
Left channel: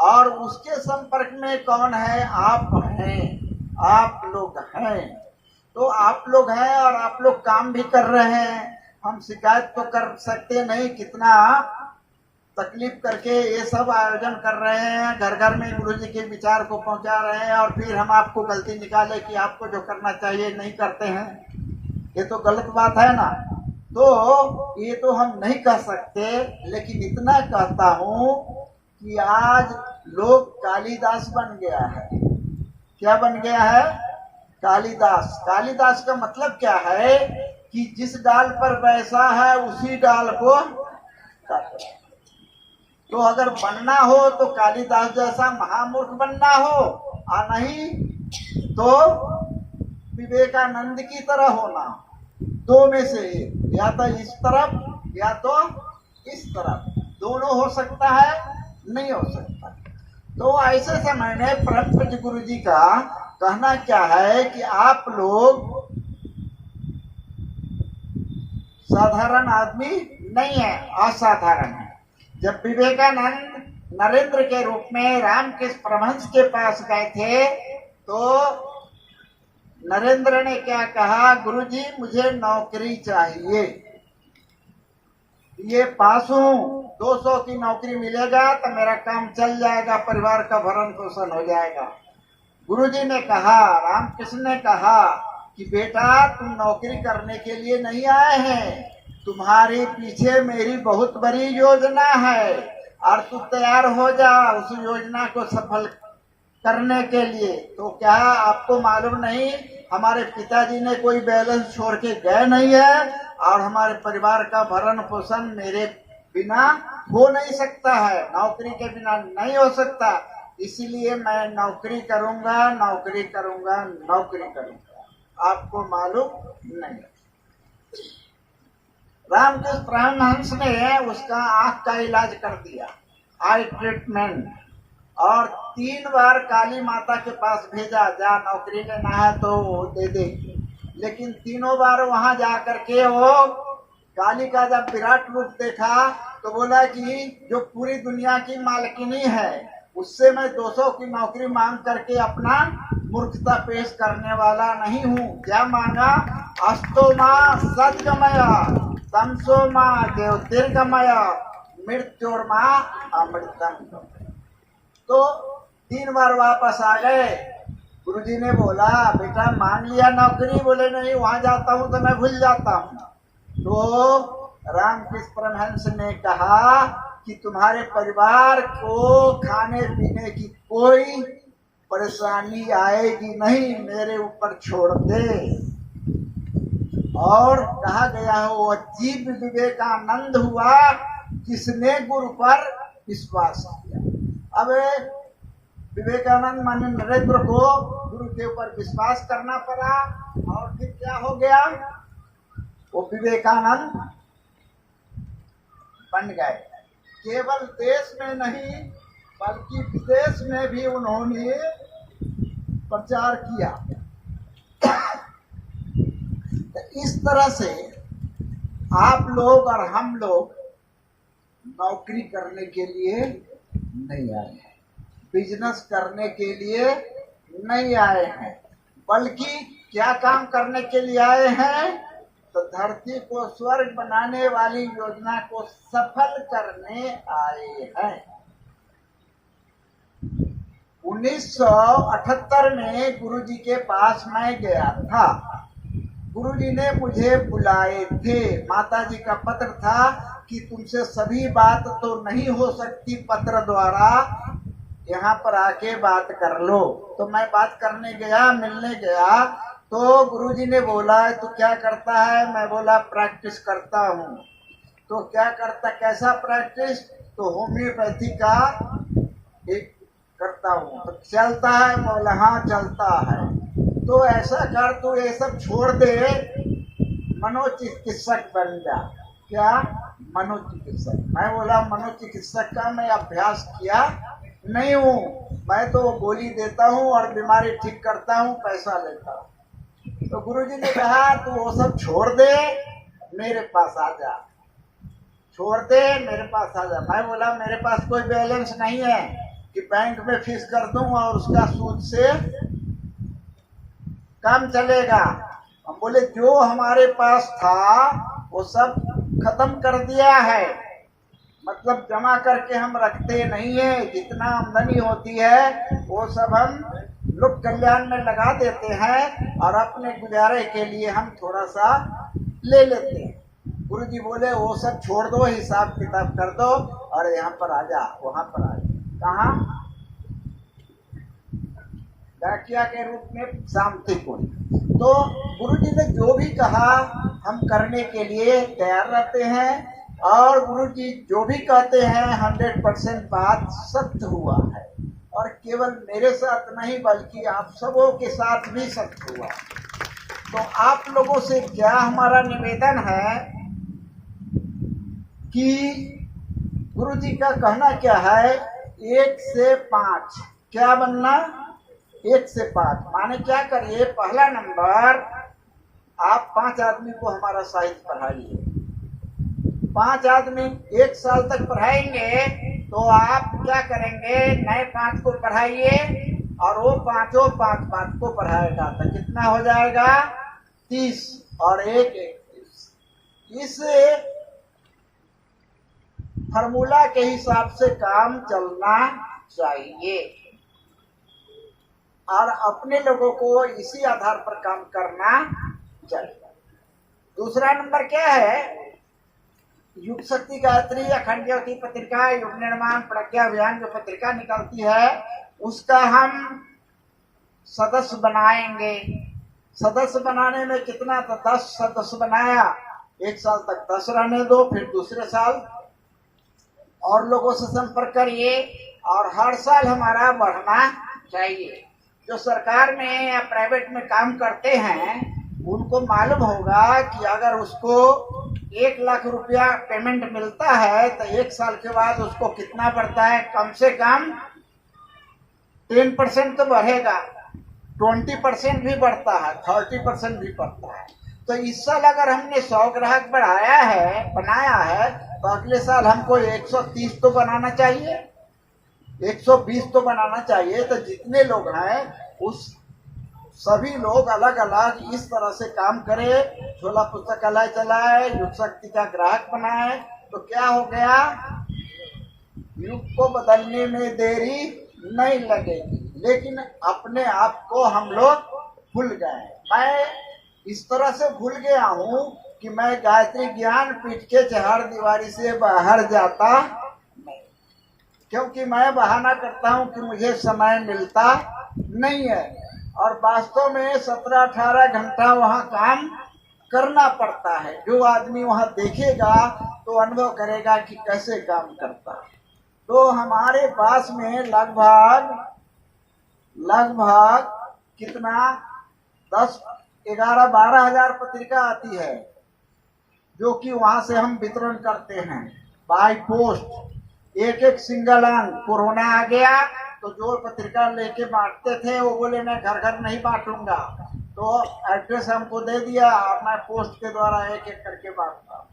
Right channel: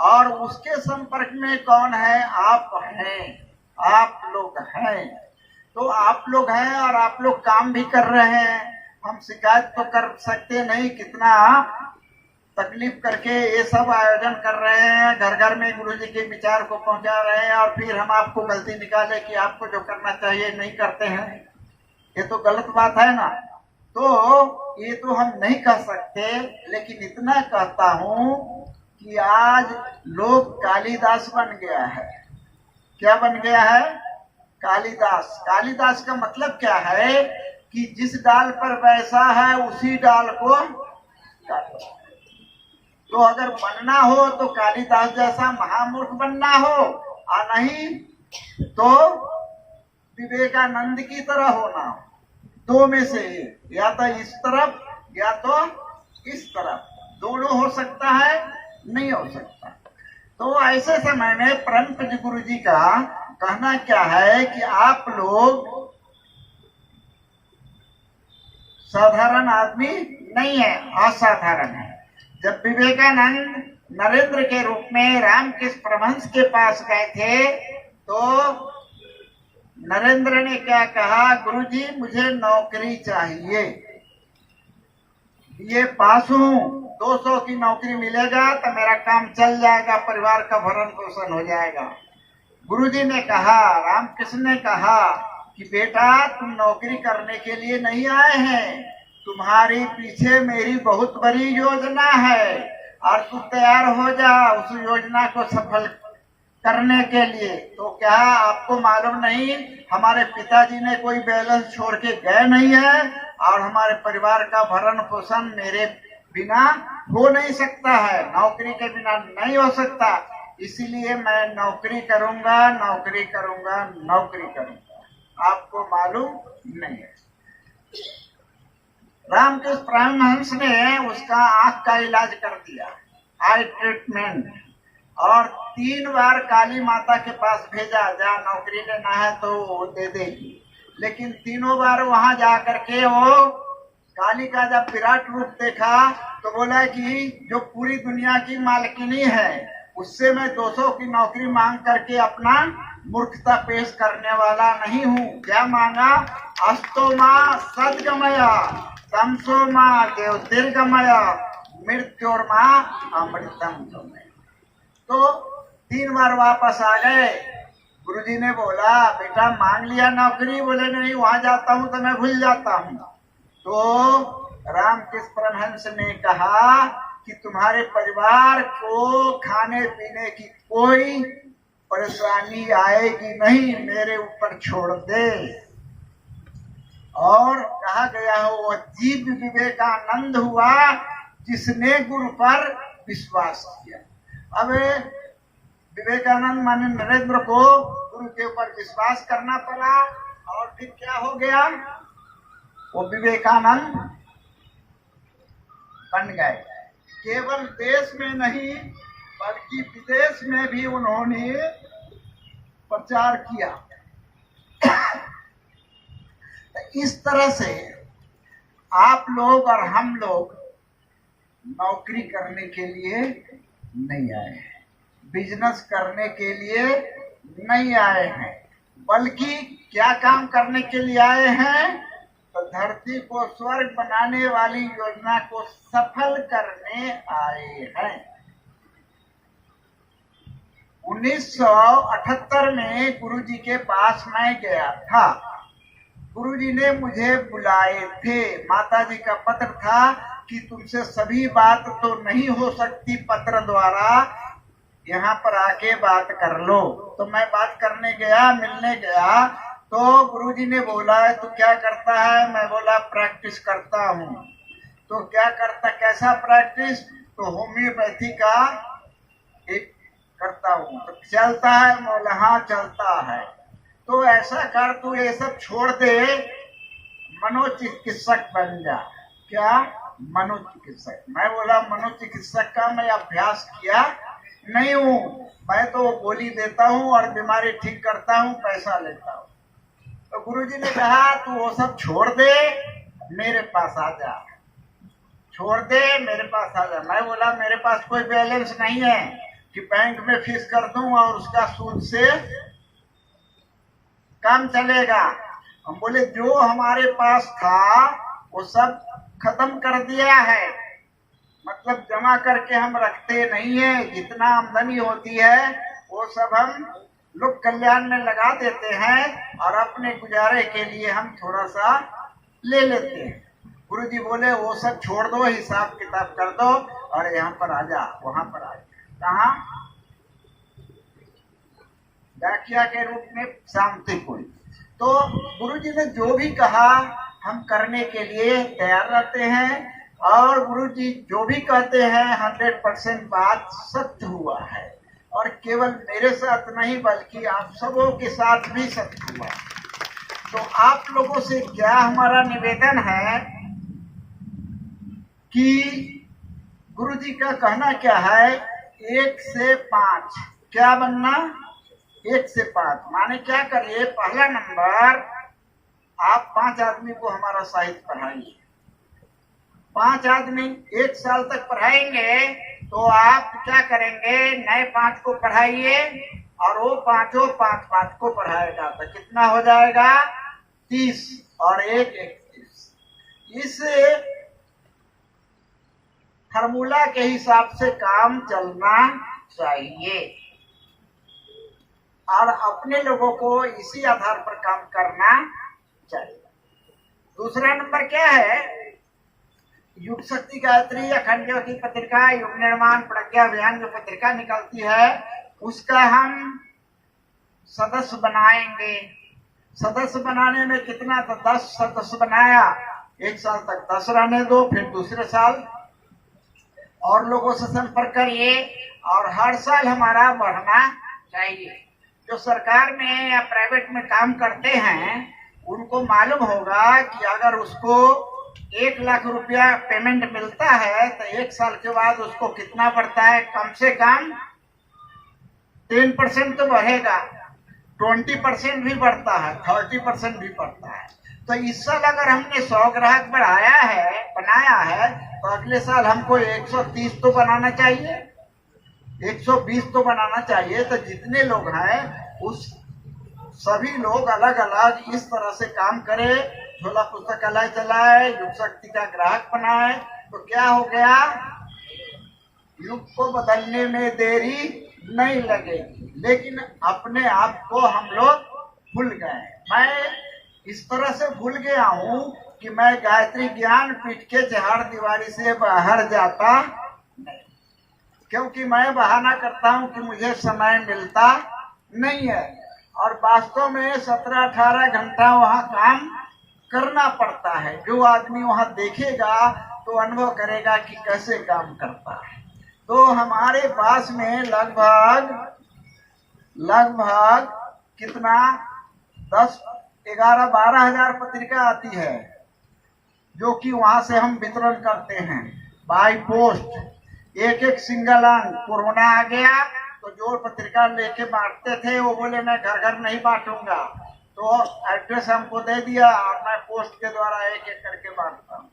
और उसके संपर्क में कौन है, आप हैं, आप लोग हैं। तो आप लोग हैं और आप लोग काम भी कर रहे हैं। हम शिकायत तो कर सकते नहीं, कितना तकलीफ करके ये सब आयोजन कर रहे हैं, घर घर में गुरुजी के विचार को पहुंचा रहे हैं, और फिर हम आपको गलती निकाले कि आपको जो करना चाहिए नहीं करते हैं, ये तो गलत बात है ना। तो ये तो हम नहीं कह सकते, लेकिन इतना कहता हूं कि आज लोग कालिदास बन गया है। क्या बन गया है, कालिदास। कालिदास का मतलब क्या है कि जिस डाल पर बैसा है उसी डाल को काटो। तो अगर बनना हो तो कालिदास जैसा महामूर्ख बनना हो, और नहीं तो विवेकानंद की तरह होना। 2 में से या तो इस तरफ या तो इस तरफ, दोनों हो सकता है, नहीं हो सकता। तो ऐसे समय में परम पूज्य गुरु जी का कहना क्या है कि आप लोग साधारण आदमी नहीं है, असाधारण है। जब विवेकानंद नरेंद्र के रूप में रामकृष्ण परमहंस के पास गए थे, तो नरेंद्र ने क्या कहा, गुरुजी मुझे नौकरी चाहिए, ये पास हूं 200 की नौकरी मिलेगा तो मेरा काम चल जाएगा, परिवार का भरण पोषण हो जाएगा। गुरुजी ने कहा, रामकृष्ण ने कहा कि बेटा तुम नौकरी करने के लिए नहीं आए हैं, तुम्हारी पीछे मेरी बहुत बड़ी योजना है और तू तैयार हो जा उस योजना को सफल करने के लिए। तो क्या आपको मालूम नहीं, हमारे पिताजी ने कोई बैलेंस छोड़ के गए नहीं है और हमारे परिवार का भरण पोषण मेरे बिना हो नहीं सकता है, नौकरी के बिना नहीं हो सकता, इसलिए मैं नौकरी करूंगा, नौकरी करूंगा, नौकरी करूंगा। आपको मालूम नहीं। रामकृष्ण परमहंस ने उसका आंख का इलाज कर दिया, आई ट्रीटमेंट, और 3 बार काली माता के पास भेजा, जा नौकरी लेना है तो वो दे देगी। लेकिन तीनों बार वहां जा करके वो काली का जब विराट रूप देखा तो बोला कि जो पूरी दुनिया की मालकिनी है उससे मैं 200 की नौकरी मांग करके अपना मूर्खता पेश करने वाला नहीं हूँ। क्या मांगा? अस्तो माँ सदगमया, तमसो माँ ज्योतिर्गमया, मृत्योर माँ अमृतम गमया। तो 3 बार वापस आ गए। गुरुजी ने बोला, बेटा मांग लिया नौकरी? बोले नहीं, वहां जाता हूं तो मैं भूल जाता हूं। तो रामकृष्ण परमहंस ने कहा कि तुम्हारे परिवार को खाने पीने की कोई परेशानी आएगी नहीं, मेरे ऊपर छोड़ दे। और कहा गया है वो जीव विवेकानंद हुआ जिसने गुरु पर विश्वास किया। अब विवेकानंद माने नरेंद्र को गुरु के ऊपर विश्वास करना पड़ा और फिर क्या हो गया, वो विवेकानंद बन गए। केवल देश में नहीं बल्कि विदेश में भी उन्होंने प्रचार किया। तो इस तरह से आप लोग और हम लोग नौकरी करने के लिए नहीं आए हैं, बिजनेस करने के लिए नहीं आए हैं, बल्कि क्या काम करने के लिए आए हैं? तो धरती को स्वर्ग बनाने वाली योजना को सफल करने आए हैं। 1978 में गुरुजी के पास मैं गया था। गुरुजी ने मुझे बुलाए थे, माताजी का पत्र था कि तुमसे सभी बात तो नहीं हो सकती पत्र द्वारा, यहाँ पर आके बात कर लो। तो मैं बात करने गया, मिलने गया, तो गुरुजी ने बोला तो क्या करता है? मैं बोला प्रैक्टिस करता हूँ। तो क्या करता, कैसा प्रैक्टिस? तो होम्योपैथी का एक करता हूँ। तो चलता है? बोला हाँ चलता है। तो ऐसा कर, तू ये सब छोड़ दे, मनोचिकित्सक बन जा। क्या? मनोचिकित्सक। मैं बोला मनोचिकित्सक का मैं अभ्यास किया नहीं हूँ, मैं तो गोली देता हूँ और बीमारी ठीक करता हूँ, पैसा लेता हूँ। तो गुरुजी ने कहा तू वो सब छोड़ दे, मेरे पास आ जा, छोड़ दे, मेरे पास आ जा। मैं बोला मेरे पास कोई बैलेंस नहीं है कि बैंक में फीस कर दूं और उसका सूद से काम चलेगा। हम बोले जो हमारे पास था वो सब खत्म कर दिया है, मतलब जमा करके हम रखते नहीं है, जितना आमदनी होती है वो सब हम लोक कल्याण में लगा देते हैं और अपने गुजारे के लिए हम थोड़ा सा ले लेते हैं। गुरुजी बोले वो सब छोड़ दो, हिसाब किताब कर दो और यहाँ पर आ जा, वहां पर आ जा। कहाँ? व्याख्या के रूप में शांति कोई। तो गुरुजी ने जो भी कहा हम करने के लिए तैयार रहते हैं, और गुरुजी जो भी कहते हैं 100% बात सत्य हुआ है, और केवल मेरे साथ नहीं बल्कि आप सबों के साथ भी सत्य हुआ। तो आप लोगों से क्या हमारा निवेदन है कि गुरुजी का कहना क्या है, 1 से 5 क्या बनना? 1 से 5 माने क्या करिए, पहला नंबर आप 5 आदमी को हमारा साहित्य पढ़ाइए। 5 आदमी 1 साल तक पढ़ाएंगे तो आप क्या करेंगे, नए 5 को पढ़ाइए और वो पांचों 5 को पढ़ाएगा तो कितना हो जाएगा? 30 और 1 31। इस फार्मूला के हिसाब से काम चलना चाहिए और अपने लोगों को इसी आधार पर काम करना चाहिए। दूसरा नंबर क्या है, युग शक्ति गायत्री अखंड ज्योति पत्रिका, युग निर्माण प्रज्ञा अभियान जो पत्रिका निकलती है उसका हम सदस्य बनाएंगे। सदस्य बनाने में कितना, तो 10 सदस्य बनाया, 1 साल तक 10 रहने दो, फिर दूसरे साल और लोगों से संपर्क करिए और हर साल हमारा बढ़ना चाहिए। जो सरकार में या प्राइवेट में काम करते हैं उनको मालूम होगा कि अगर उसको 1 लाख रुपया पेमेंट मिलता है तो 1 साल के बाद उसको कितना बढ़ता है, कम से कम 10% तो बढ़ेगा, 20% भी बढ़ता है, 30% भी बढ़ता है। तो इस साल अगर हमने 100 ग्राहक बनाया है तो अगले साल हमको 130 तो बनाना चाहिए, 120 तो बनाना चाहिए। तो जितने लोग हैं उस सभी लोग अलग अलग इस तरह से काम करें, झोला पुस्तकालय चलाए, युग शक्ति का ग्राहक बनाए, तो क्या हो गया, युग को बदलने में देरी नहीं लगेगी। लेकिन अपने आप को हम लोग भूल गए। मैं इस तरह से भूल गया हूँ कि मैं गायत्री ज्ञान पीठ के चहार दीवारी से बाहर जाता नहीं, क्योंकि मैं बहाना करता हूँ कि मुझे समय मिलता नहीं है और वास्तव में 17-18 घंटा वहाँ काम करना पड़ता है। जो आदमी वहाँ देखेगा तो अनुभव करेगा कि कैसे काम करता है। तो हमारे पास में लगभग कितना 10, 11, 12 हजार पत्रिका आती है जो कि वहां से हम वितरण करते हैं बाय पोस्ट। एक सिंगल अंक कोरोना आ गया तो जो पत्रिका लेके बांटते थे वो बोले मैं घर घर नहीं बांटूंगा, तो एड्रेस हमको दे दिया और मैं पोस्ट के द्वारा एक करके बांटता हूँ।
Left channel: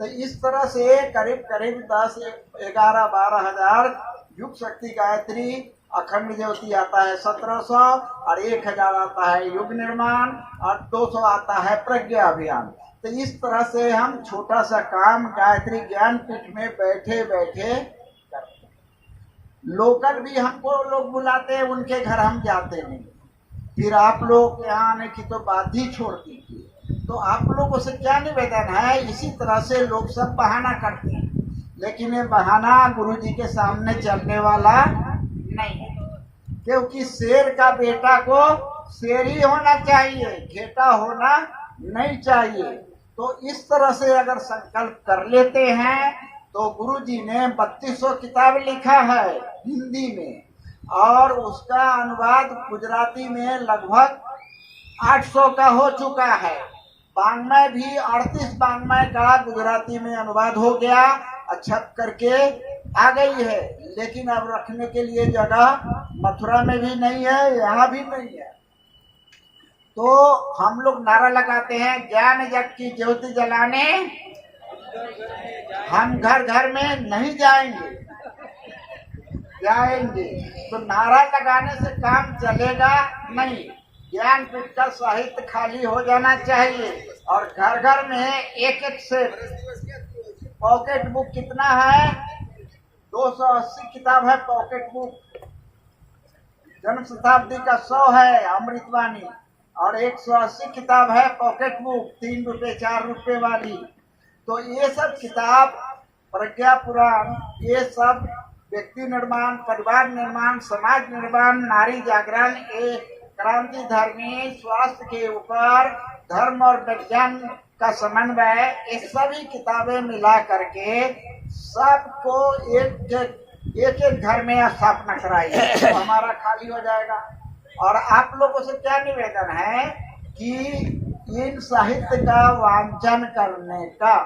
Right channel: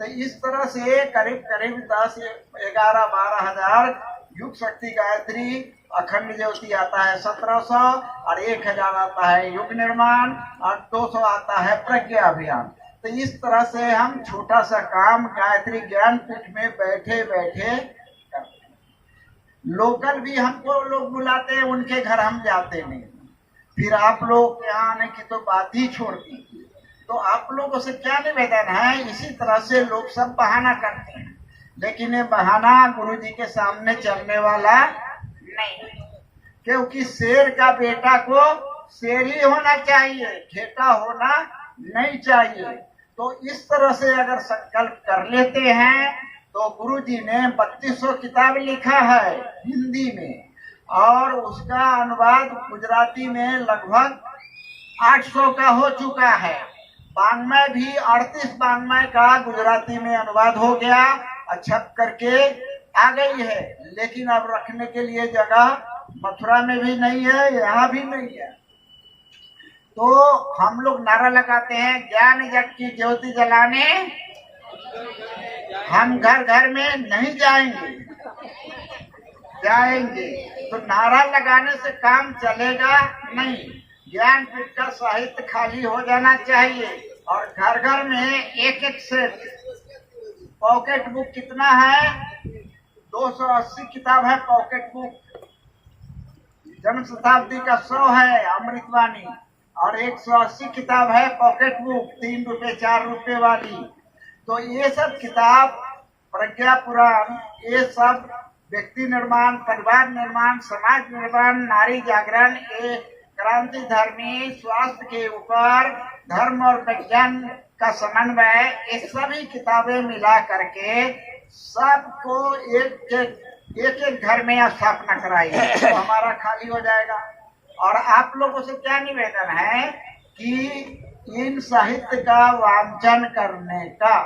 तो इस तरह से करीब 10, 11, 12 हजार युग शक्ति गायत्री अखंड ज्योति आता है 1700 और 1000 आता है युग निर्माण और 200 आता है प्रज्ञा अभियान। तो इस तरह से हम छोटा सा काम गायत्री ज्ञान पीठ में बैठे बैठे करते हैं। लोकल भी हमको लोग बुलाते हैं, उनके घर हम जाते नहीं। फिर आप लोग यहाँ आने की तो बात ही छोड़ दीजिए। तो आप लोगों से क्या निवेदन है, इसी तरह से लोग सब बहाना करते हैं, लेकिन ये बहाना गुरु जी के सामने चलने वाला नहीं है, क्योंकि शेर का बेटा को शेर ही होना चाहिए, घेटा होना नहीं चाहिए। तो इस तरह से अगर संकल्प कर लेते हैं तो गुरु जी ने 3200 किताब लिखा है हिंदी में और उसका अनुवाद गुजराती में लगभग 800 का हो चुका है। बांग्मय भी 38 बांग्मय का गुजराती में अनुवाद हो गया, छप करके आ गई है। लेकिन अब रखने के लिए जगह मथुरा में भी नहीं है, यहाँ भी नहीं है। तो हम लोग नारा लगाते हैं, ज्ञान जग की ज्योति जलाने हम घर घर में नहीं जाएंगे। तो नारा लगाने से काम चलेगा नहीं। ज्ञान पीठ का साहित्य खाली हो जाना चाहिए और घर घर में एक सेट। पॉकेट बुक कितना है, 280 किताब है पॉकेट बुक। जन्म शताब्दी का 100 है अमृतवाणी और 180 किताब है पॉकेट बुक 3 रुपए 4 रुपए वाली। तो ये सब किताब, प्रज्ञा पुराण, ये सब व्यक्ति निर्माण, परिवार निर्माण, समाज निर्माण, नारी जागरण, ये क्रांति धर्मी, स्वास्थ्य के ऊपर धर्म और विज्ञान का समन्वय, ये सभी किताबें मिला करके सबको एक घर में स्थापना कराइए तो हमारा खाली हो जाएगा। और आप लोगों से क्या निवेदन है कि इन साहित्य का वांचन करने का,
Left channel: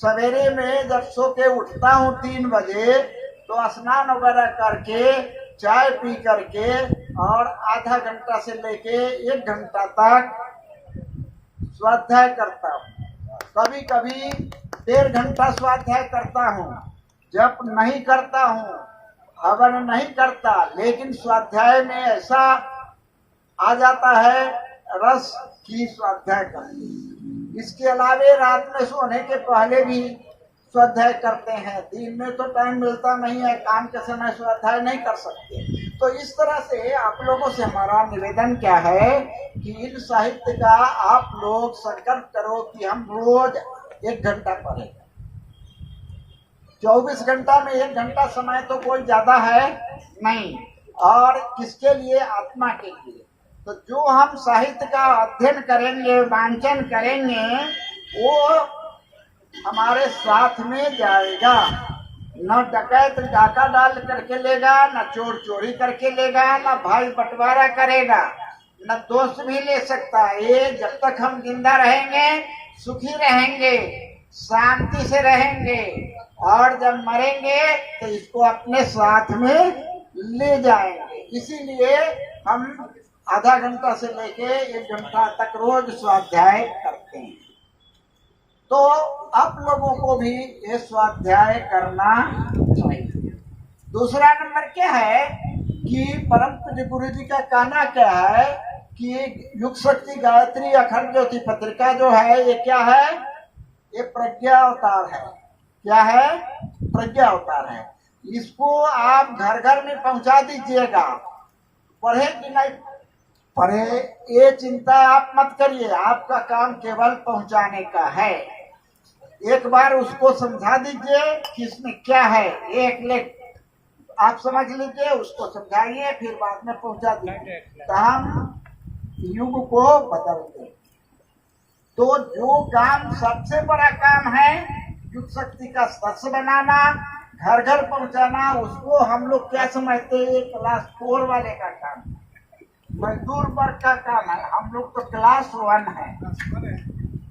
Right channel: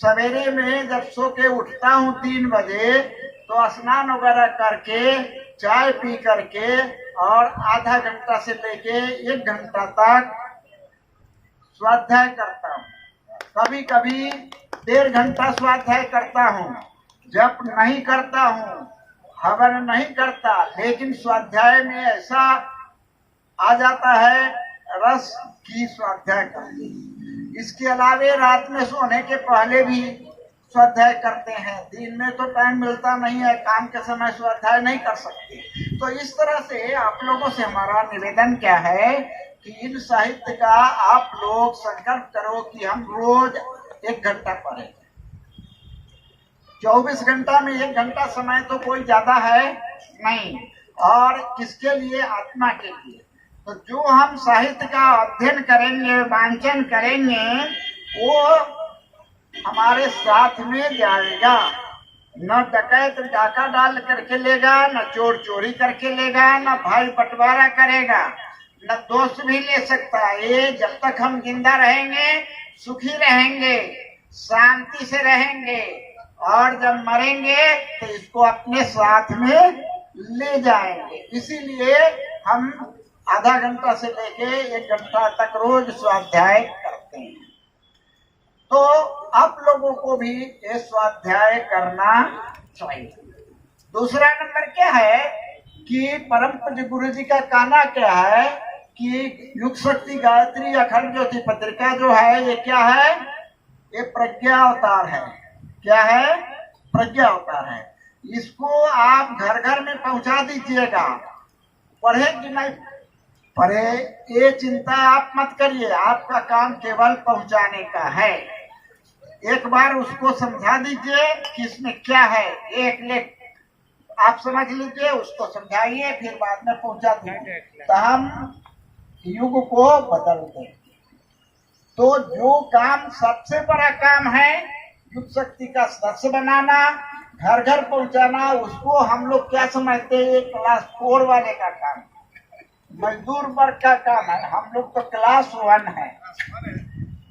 सवेरे में जब सो के उठता हूँ 3 बजे तो स्नान वगैरह करके चाय पी करके और आधा घंटा से लेके 1 घंटा तक स्वाध्याय करता हूँ। कभी कभी 1.5 घंटा स्वाध्याय करता हूँ। जप नहीं करता हूँ, हवन नहीं करता, लेकिन स्वाध्याय में ऐसा आ जाता है रस की स्वाध्याय करते। इसके अलावे रात में सोने के पहले भी स्वाध्याय करते हैं। दिन में तो टाइम मिलता नहीं है, काम के समय स्वाध्याय नहीं कर सकते। तो इस तरह से आप लोगों से हमारा निवेदन क्या है कि इन साहित्य का आप लोग संकल्प करो कि हम रोज 1 घंटा पढ़ें। 24 घंटा में 1 घंटा समय तो कोई ज्यादा है नहीं, और किसके लिए? आत्मा के लिए। तो जो हम साहित्य का अध्ययन करेंगे, वांचन करेंगे, वो हमारे साथ में जाएगा। न डकैत डाका डाल करके लेगा, न चोर चोरी करके लेगा, न भाई बंटवारा करेगा, न दोस्त भी ले सकता है। ये जब तक हम जिंदा रहेंगे सुखी रहेंगे, शांति से रहेंगे, और जब मरेंगे तो इसको अपने साथ में ले जाएंगे। इसीलिए हम आधा घंटा से लेके 1 घंटा तक रोज स्वाध्याय करते हैं। तो आप लोगों को भी ये स्वाध्याय करना चाहिए। दूसरा नंबर क्या है कि परम पूज्य गुरु जी का कहना क्या है कि युग शक्ति गायत्री अखंड ज्योति पत्रिका जो है ये क्या है? ये प्रज्ञा अवतार है। क्या है? प्रज्ञा अवतार है। इसको आप घर घर में पहुंचा दीजिएगा। पढ़े कि नहीं पढ़े ये चिंता आप मत करिए, आपका काम केवल पहुंचाने का है। एक बार उसको समझा दीजिए कि इसमें क्या है, एक लेख आप समझ लीजिए, उसको समझाइए, फिर बाद में पहुंचा दीजिए, तो हम युग को बदल देंगे। तो जो काम सबसे बड़ा काम है युग शक्ति का सदस्य बनाना, घर घर पहुंचाना, उसको हम लोग क्या समझते हैं? क्लास 4 वाले का काम, मजदूर वर्ग का काम है। हम लोग तो क्लास 1 है।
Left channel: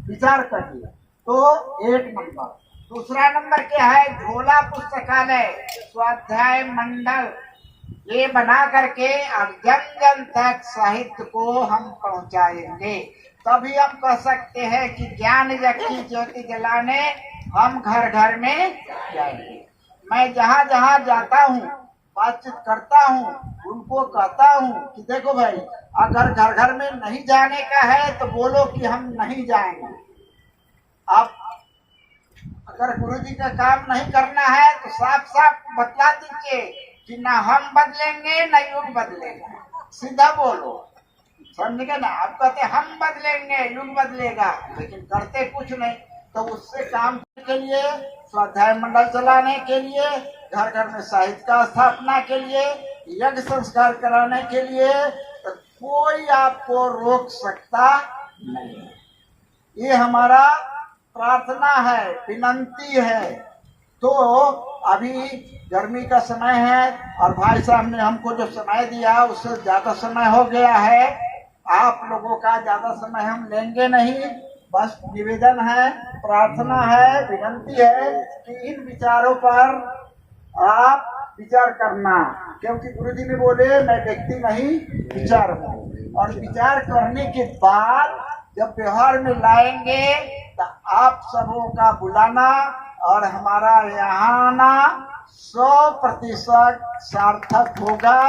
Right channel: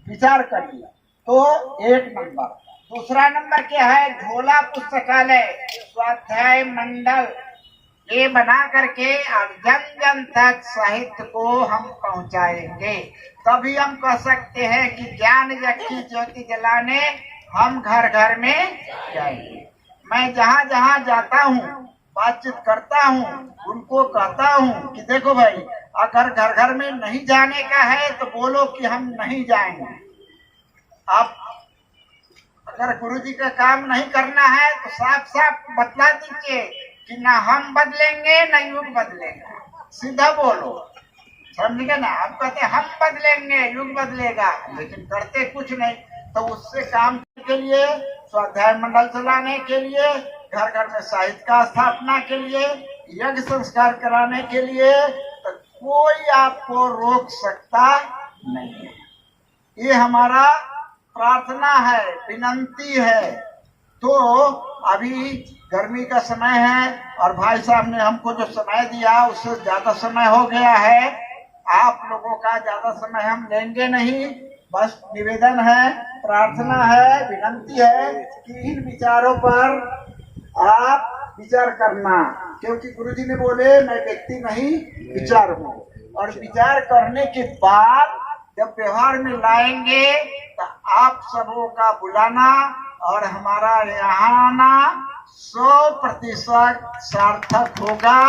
विचार करिए। तो 1 नंबर। दूसरा नंबर क्या है? झोला पुस्तकालय, स्वाध्याय मंडल, ये बना करके और जन जन तक साहित्य को हम पहुंचाएंगे। तभी हम कह सकते हैं कि ज्ञान की ज्योति जलाने हम घर घर में जाएंगे। मैं जहाँ जहाँ जाता हूँ, बातचीत करता हूँ, उनको कहता हूँ कि देखो भाई, अगर घर घर में नहीं जाने का है तो बोलो कि हम नहीं जाएंगे। आप अगर गुरु जी का काम नहीं करना है तो साफ साफ बतला दीजिए कि ना हम बदलेंगे ना युग बदलेगा। सीधा बोलो, समझ गए ना? आप कहते हम बदलेंगे, युग बदलेगा, लेकिन करते कुछ नहीं। तो उससे काम के लिए, स्वाध्याय मंडल चलाने के लिए, घर घर में साहित्य का स्थापना के लिए, यज्ञ संस्कार कराने के लिए, तो कोई आपको रोक सकता नहीं है। ये हमारा प्रार्थना है, विनंती है। तो अभी गर्मी का समय है और भाई साहब ने हमको जो समय दिया उससे ज्यादा समय हो गया है। आप लोगों का ज्यादा समय हम लेंगे नहीं। बस निवेदन है, प्रार्थना है, विनंती है कि इन विचारों पर आप विचार करना, क्योंकि गुरुजी ने बोले मैं व्यक्ति नहीं विचार हूँ। और विचार करने के बाद जब व्यवहार में लाएंगे तो आप सबों का बुलाना और हमारा यहाँ आना 100% सार्थक होगा।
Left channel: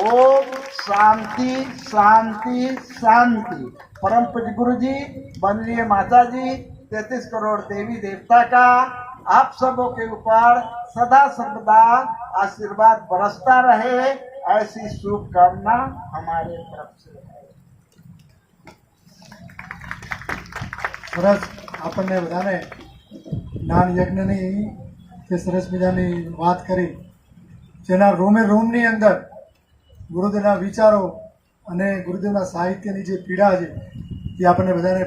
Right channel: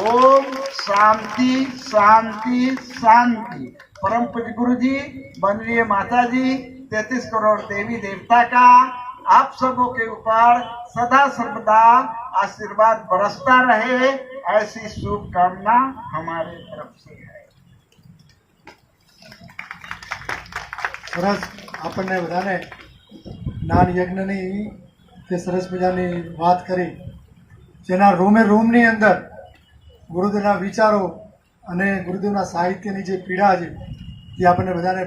ओम शांति शांति शांति। परम पूज्य गुरु जी, वंदनीय माता जी, 33 करोड़ देवी देवता का आप सबों के ऊपर सदा सर्वदा आशीर्वाद बरसता रहे, ऐसी शुभकामना हमारे तरफ से है। સરસ આપણને બધાને જ્ઞાન યજ્ઞની તે સરસ મજાની વાત કરી, જેના રોમે રોમની અંદર ગુરુદેવના વિચારો અને ગુરુદેવના સાહિત્યની જે પીડા છે એ આપણને બધાને